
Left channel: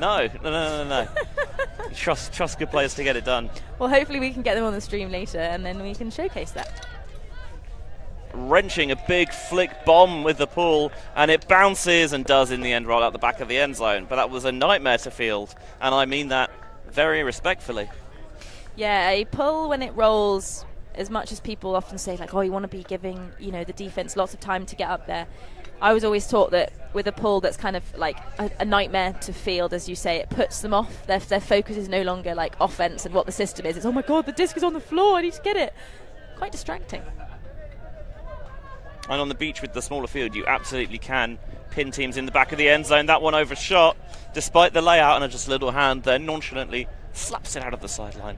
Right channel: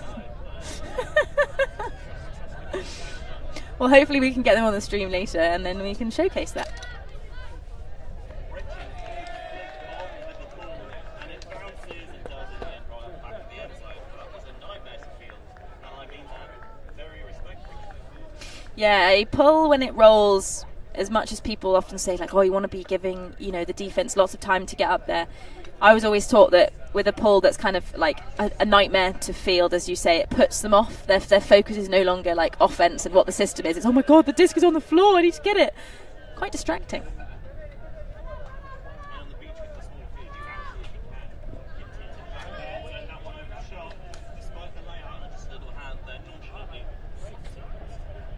No. Trust good players to get it done. Well, hopefully we can get them on the stream later, and then we can showcase that. Wrenching a big flick bomb with the pull, and it bounces and does in the end roll out the back of the end zone. But that was a nightmare to field, and I mean that very respectfully. Yeah, a pull when it rolls, as much as people often say, like, oh, you want to be giving, the defense lots of time to get up there. I was always taught that with a pull that's kind of like a nightmare to field, as you say, it puts them off. Their focus is no longer like offense and what the system is. It's, oh my God, the disc is on the floor, I need to get it. Quite distracting. And on the beach with the smaller field, you absolutely can pin teams in the back of the end zone. That one overshot, despite the layout, and just a little hand there nonchalantly slaps it out of the sideline.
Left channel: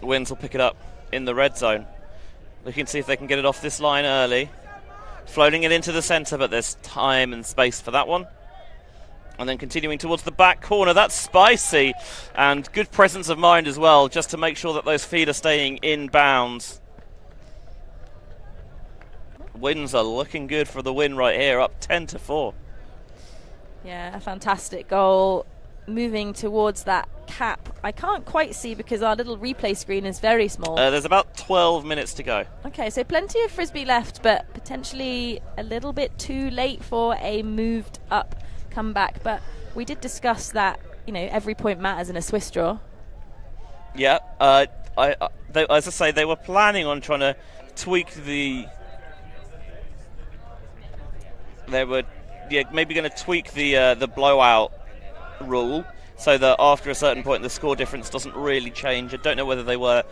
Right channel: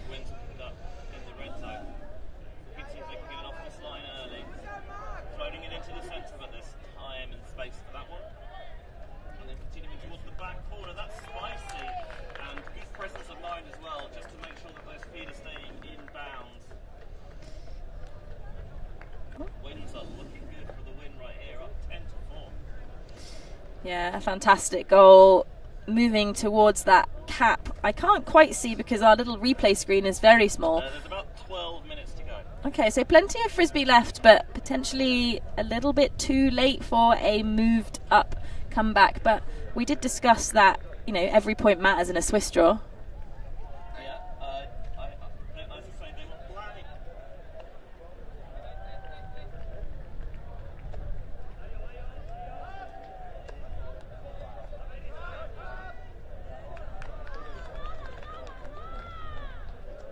The Winds will pick it up in the red zone. Looking to see if they can get it off this line early. Floating it into the centre, but there's time and space for that one. And then continuing towards the back corner. That's spicy. And good presence of mind as well, just to make sure that those feet are staying in bounds. Winds are looking good for the win right here, up 10-4. Yeah, a fantastic goal. Moving towards that cap. I can't quite see because our little replay screen is very small. There's about 12 minutes to go. Okay, so plenty of Frisbee left, but potentially a little bit too late for a moved up comeback. But we did discuss that, every point matters in a Swiss draw. Yeah, as I say, they were planning on trying to tweak the... maybe going to tweak the blowout rule so that after a certain point the score difference doesn't really change. I don't know whether they were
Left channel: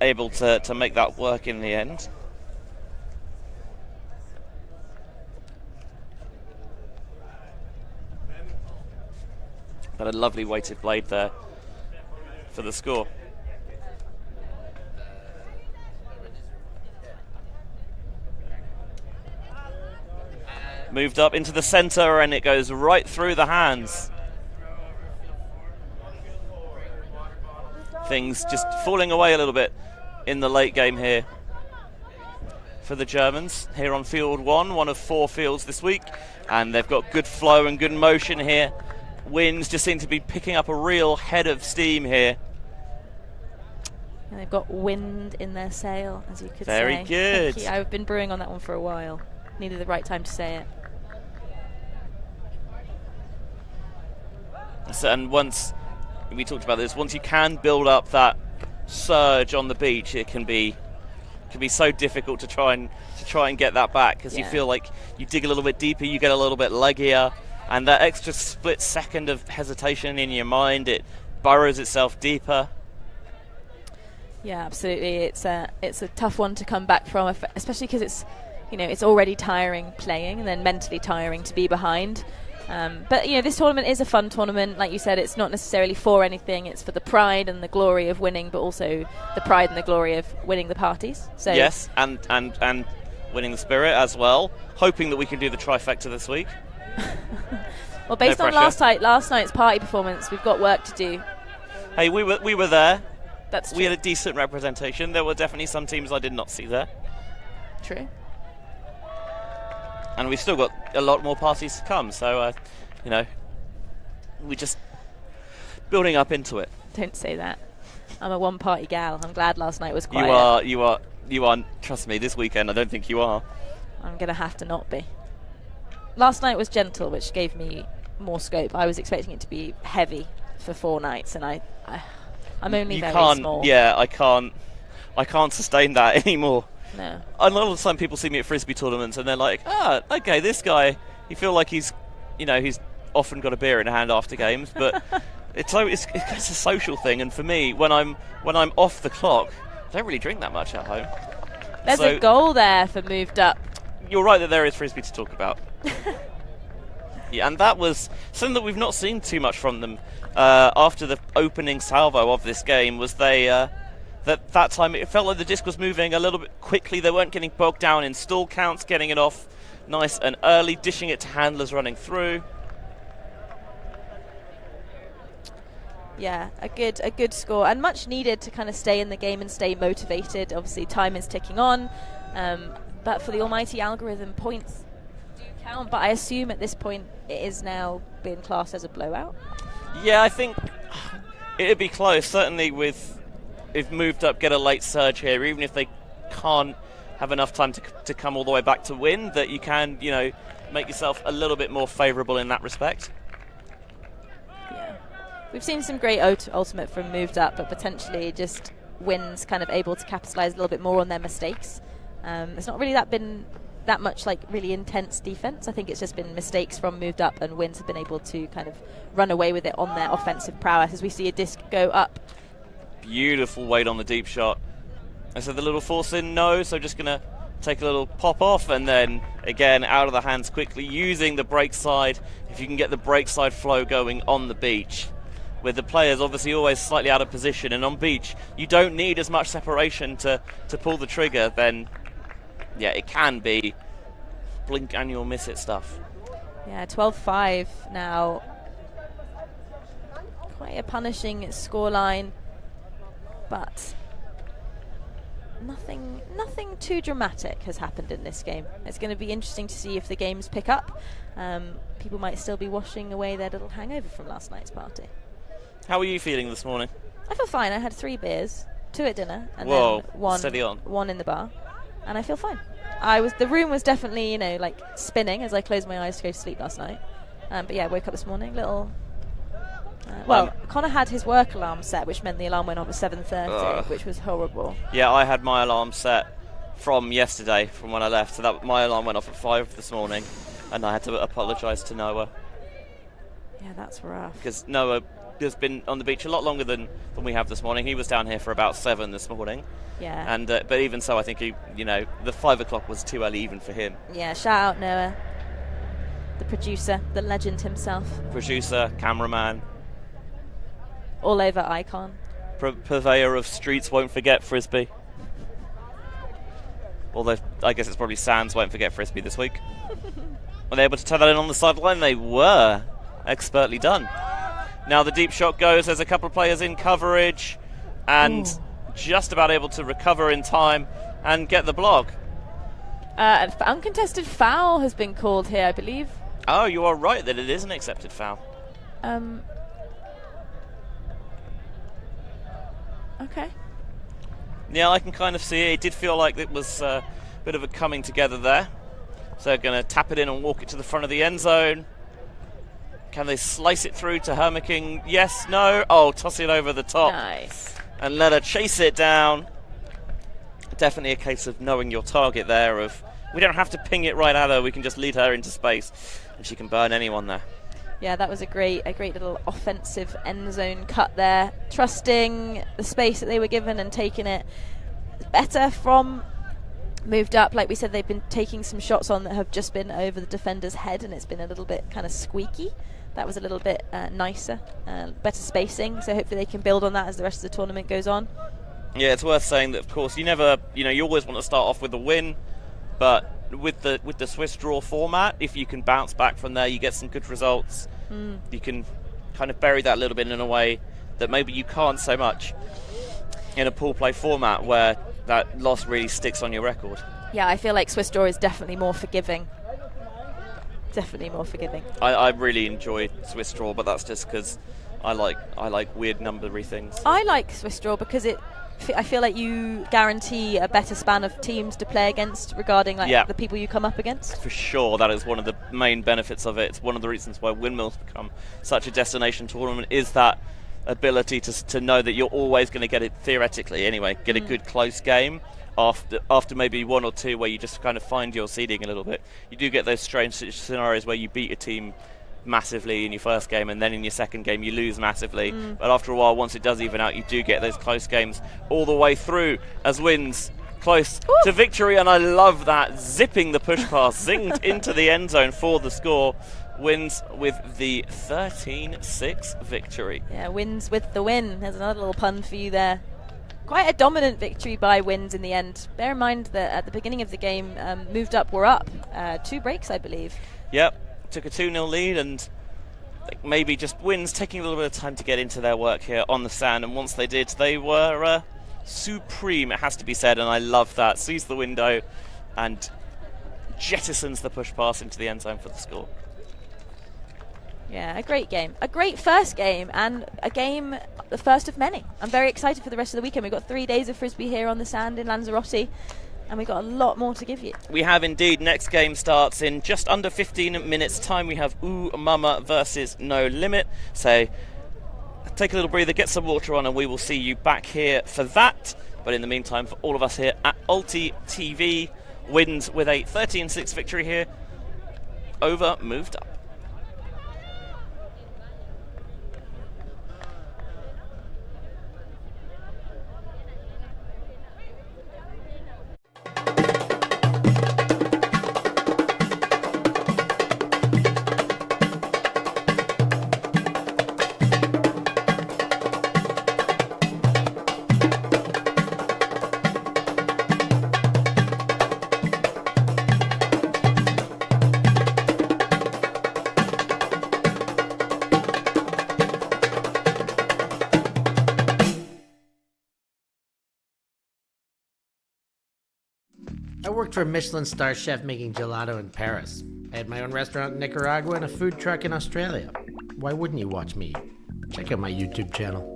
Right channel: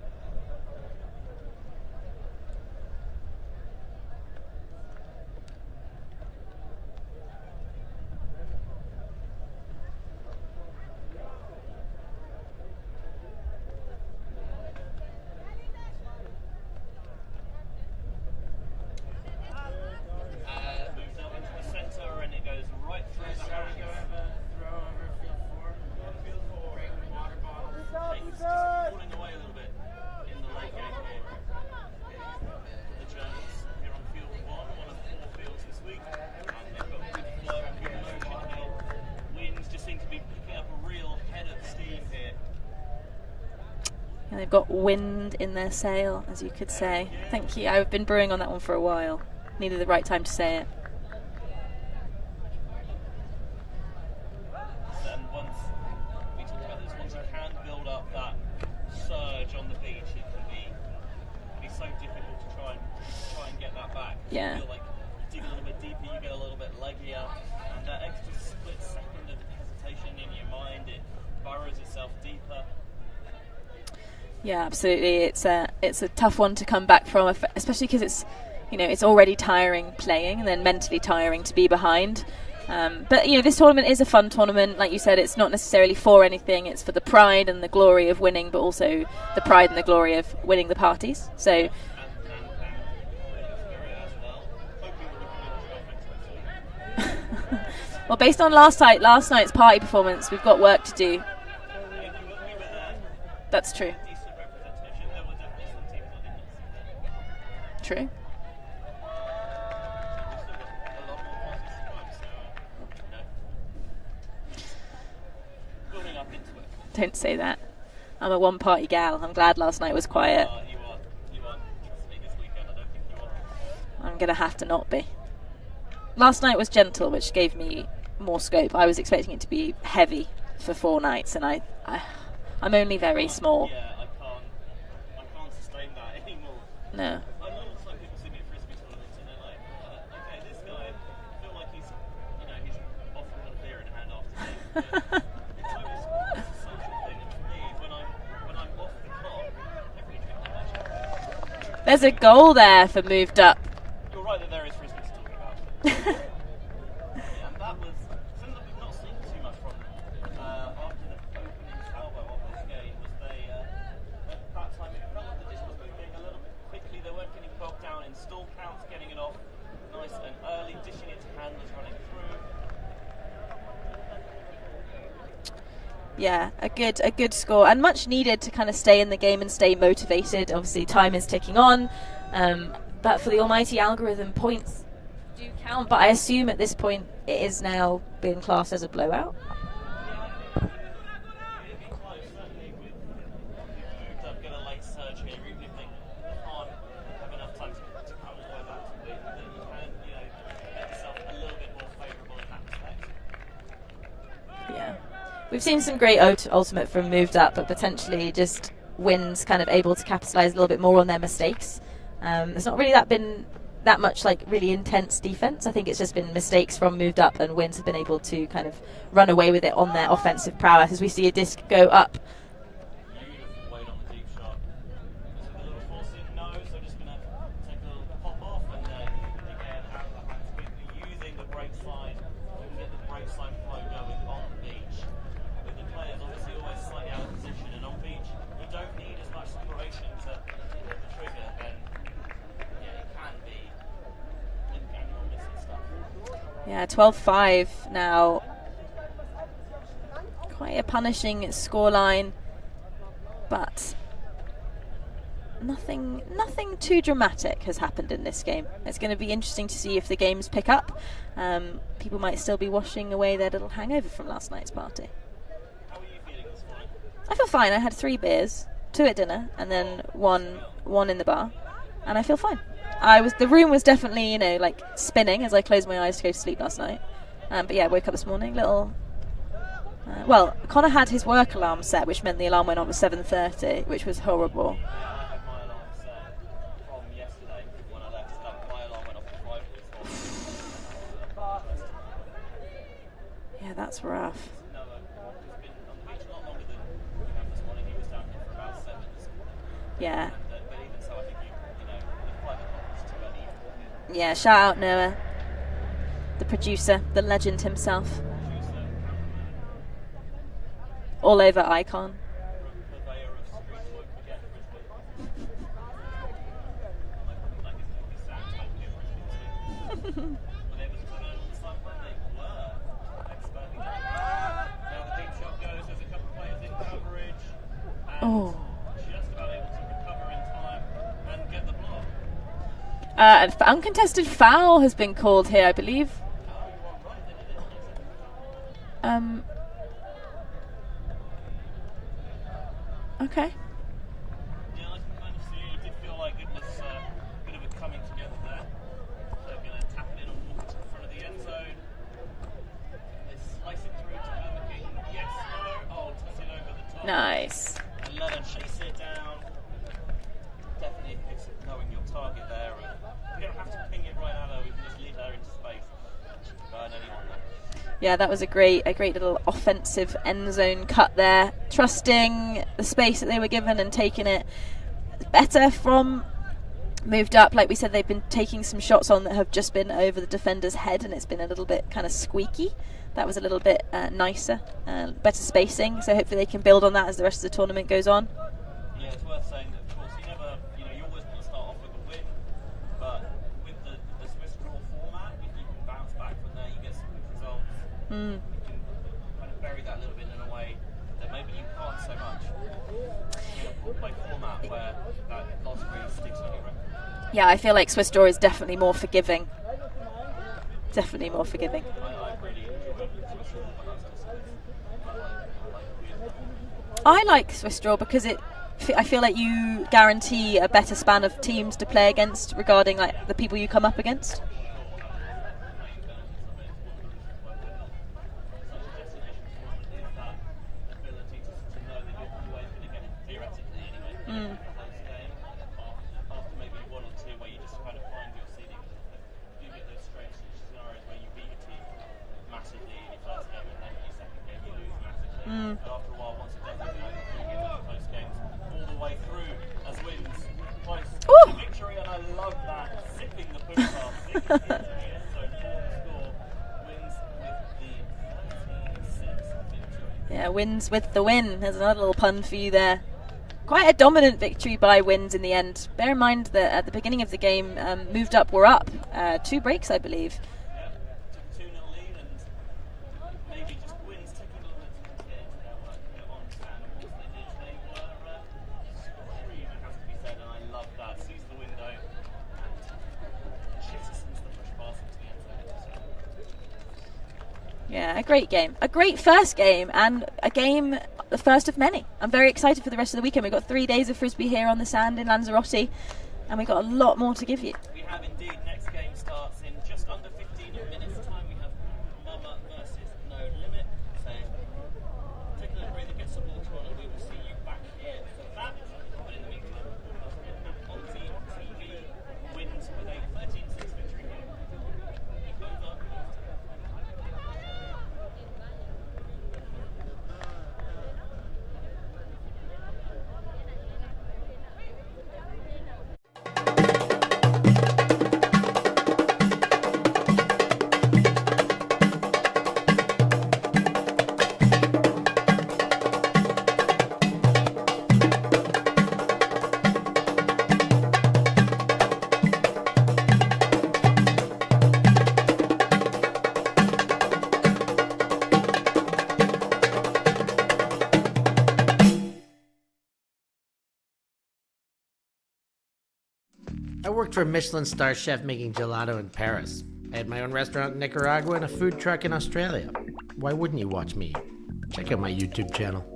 able to make that work in the end. But a lovely weighted blade there for the score. Moved up into the center and it goes right through the hands. Things just falling away a little bit in the late game here for the Germans here on field one of 4 fields this week, and they've got good flow and good motion here. Winds just seem to be picking up a real head of steam here. And they've got wind in their sail, as you could say. Very good. Thank you. I've been brewing on that one for a while. Needed the right time to say it. So, and once we talked about this, once you can build up that surge on the beach, it can be so difficult to try and get that back, because you feel like you dig a little bit deeper, you get a little bit leggier, and that extra split second of hesitation in your mind, it burrows itself deeper. Yeah, absolutely. It's a tough one to come back from, especially because it's already tiring playing and then mentally tiring to be behind. But this tournament is a fun tournament. Like you said, it's not necessarily for anything. It's for the pride and the glory of winning, but also the pride and the glory of winning the parties. So yes, and winning the spirit as well. Hoping that we can do the trifecta this week. Well, based on last night's party performance, we've got work to do. Hey, we were there. That's true. We had a decent representation. There were definitely some teams I did not see there. True. And we've still got a lot more parties to come, so we're just building up into it. Don't say that. I'm a one-party gal. I'm glad last night was quiet. You are. Trust me, this weekend I don't think you are. I'm gonna have to not be. Last night was gentle, which gave me more scope. I was expecting it to be heavy for 4 nights, and I'm only very small. Yeah, I can't sustain that anymore. No. A lot of the time people see me at Frisbee tournaments and they're like, okay, this guy, you feel like he's often got a beer in hand after games, but it's a social thing. And for me, when I'm off the clock, I don't really drink that much at home. There's a goal there for moved up. You're right that there is Frisbee to talk about. Yeah, and that was something that we've not seen too much from them after the opening salvo of this game. Was they that time it felt like the disc was moving a little bit quickly. They weren't getting bogged down in stall counts, getting it off nice and early, dishing it to handlers running through. Yeah, a good score, and much needed to kind of stay in the game and stay motivated. Obviously, time is ticking on, but for the almighty algorithm, points do count. But I assume at this point it is now being classed as a blowout. Yeah, I think it'd be close. Certainly, if moved up, get a late surge here, even if they can't have enough time to come all the way back to win, that you can make yourself a little bit more favourable in that respect. Yeah. We've seen some great ultimate from moved up, but potentially just wins kind of able to capitalise a little bit more on their mistakes. There's not really been that much really intense defence. I think it's just been mistakes from moved up, and wins have been able to kind of run away with it on their offensive prowess as we see a disc go up. Beautiful weight on the deep shot. I said the little force in, no, so just going to take a little pop off, and then again out of the hands quickly using the break side. If you can get the break side flow going on the beach, with the players obviously always slightly out of position, and on beach you don't need as much separation to pull the trigger, then yeah, it can be blink and you'll miss it stuff. Yeah, 12-5 now. Quite a punishing scoreline, but nothing too dramatic has happened in this game. It's going to be interesting to see if the games pick up. People might still be washing away their little hangover from last night's party. How are you feeling this morning? I feel fine. I had 3 beers, 2 at dinner, and then one in the bar, and I feel fine. The room was definitely spinning as I closed my eyes to go to sleep last night. But yeah, I woke up this morning Connor had his work alarm set, which meant the alarm went on at 7:30, which was horrible. Yeah, I had my alarm set from yesterday, from when I left. So that my alarm went off at 5 this morning, and I had to apologise to Noah. Yeah, that's rough. Because Noah has been on the beach a lot longer than we have this morning. He was down here for about 7 this morning. Yeah. And but even so, I think the 5 o'clock was too early even for him. Yeah, shout out Noah, the producer, the legend himself. Producer, cameraman, all over icon. Purveyor of streets won't forget Frisbee. Although I guess it's probably Sands won't forget Frisbee this week. Were they able to turn that in on the sideline? They were. Expertly done. Now the deep shot goes. There's a couple of players in coverage, and just about able to recover in time and get the block. An uncontested foul has been called here, I believe. Oh, you are right that it is an accepted foul. Okay. Yeah, I can kind of see it. It did feel like it was a bit of a coming together there. So they're going to tap it in and walk it to the front of the end zone. Can they slice it through to Hermaking? Yes, no. Oh, toss it over the top. Nice. And let her chase it down. Definitely a case of knowing your target there. Of we don't have to ping it right at her. We can just lead her into space, and she can burn anyone there. Yeah, that was a great little offensive end zone cut there. Trusting the space that they were given and taking it better from moved up. Like we said, they've been taking some shots on that have just been over the defender's head, and it's been a little bit kind of squeaky. That was a little bit nicer, better spacing. So hopefully they can build on that as the rest of the tournament goes on. Yeah, it's worth saying that, of course, you always want to start off with a win, but with the Swiss draw format, if you can bounce back from there, you get some good results. You can kind of bury that a little bit in a way that maybe you can't so much in a pool play format where that loss really sticks on your record. Yeah, I feel like Swiss draw is definitely more forgiving. Definitely more forgiving. I really enjoy Swiss draw, but that's just because I like weird numbery things. I like Swiss draw because I feel like you guarantee a better span of teams to play against regarding the people you come up against. For sure, that is one of the main benefits of it. It's one of the reasons why Windmills become such a destination tournament, is that ability to know that you're always going to get it, theoretically anyway, get a good close game after maybe one or two where you just kind of find your seeding a little bit. You do get those strange scenarios where you beat a team massively in your first game, and then in your second game you lose massively. But after a while, once it does even out, you do get those close games all the way through as wins close to victory. And I love that, zipping the push pass, zinged into the end zone for the score. Wins with the 13-6 victory. Yeah, wins with the win. There's another little pun for you there. Quite a dominant victory by Wins in the end. Bear in mind that at the beginning of the game, moved up, were up 2 breaks, I believe. Yep, took a 2-0 lead, and maybe just Wins taking a little bit of time to get into their work here on the sand. And once they did, they were supreme, it has to be said. And I love that. Sees the window and jettisons the push pass into the end zone for the score. Yeah, a great game. A great first game, and a game, the first of many. I'm very excited for the rest of the weekend. We've got 3 days of Frisbee here on the sand in Lanzarote, and we've got a lot more to give you. We have indeed. Next game starts in just under 15 minutes time. We have Ooh Mama versus No Limit. So take a little breather, get some water on, and we will see you back here for that. But in the meantime, for all of us here at ULTI.TV, Wins with a 13-6 victory here over Moved Up. I worked for a Michelin star chef making gelato in Paris. I had my own restaurant in Nicaragua and a food truck in Australia. Why wouldn't you watch me? Check out my YouTube channel.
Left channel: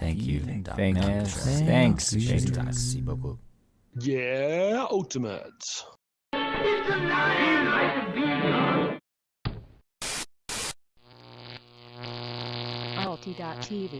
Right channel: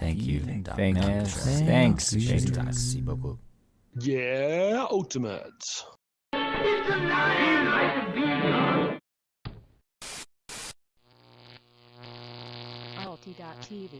Thank you. Thanks. Merci beaucoup. Yeah, ultimate. ULTI.TV.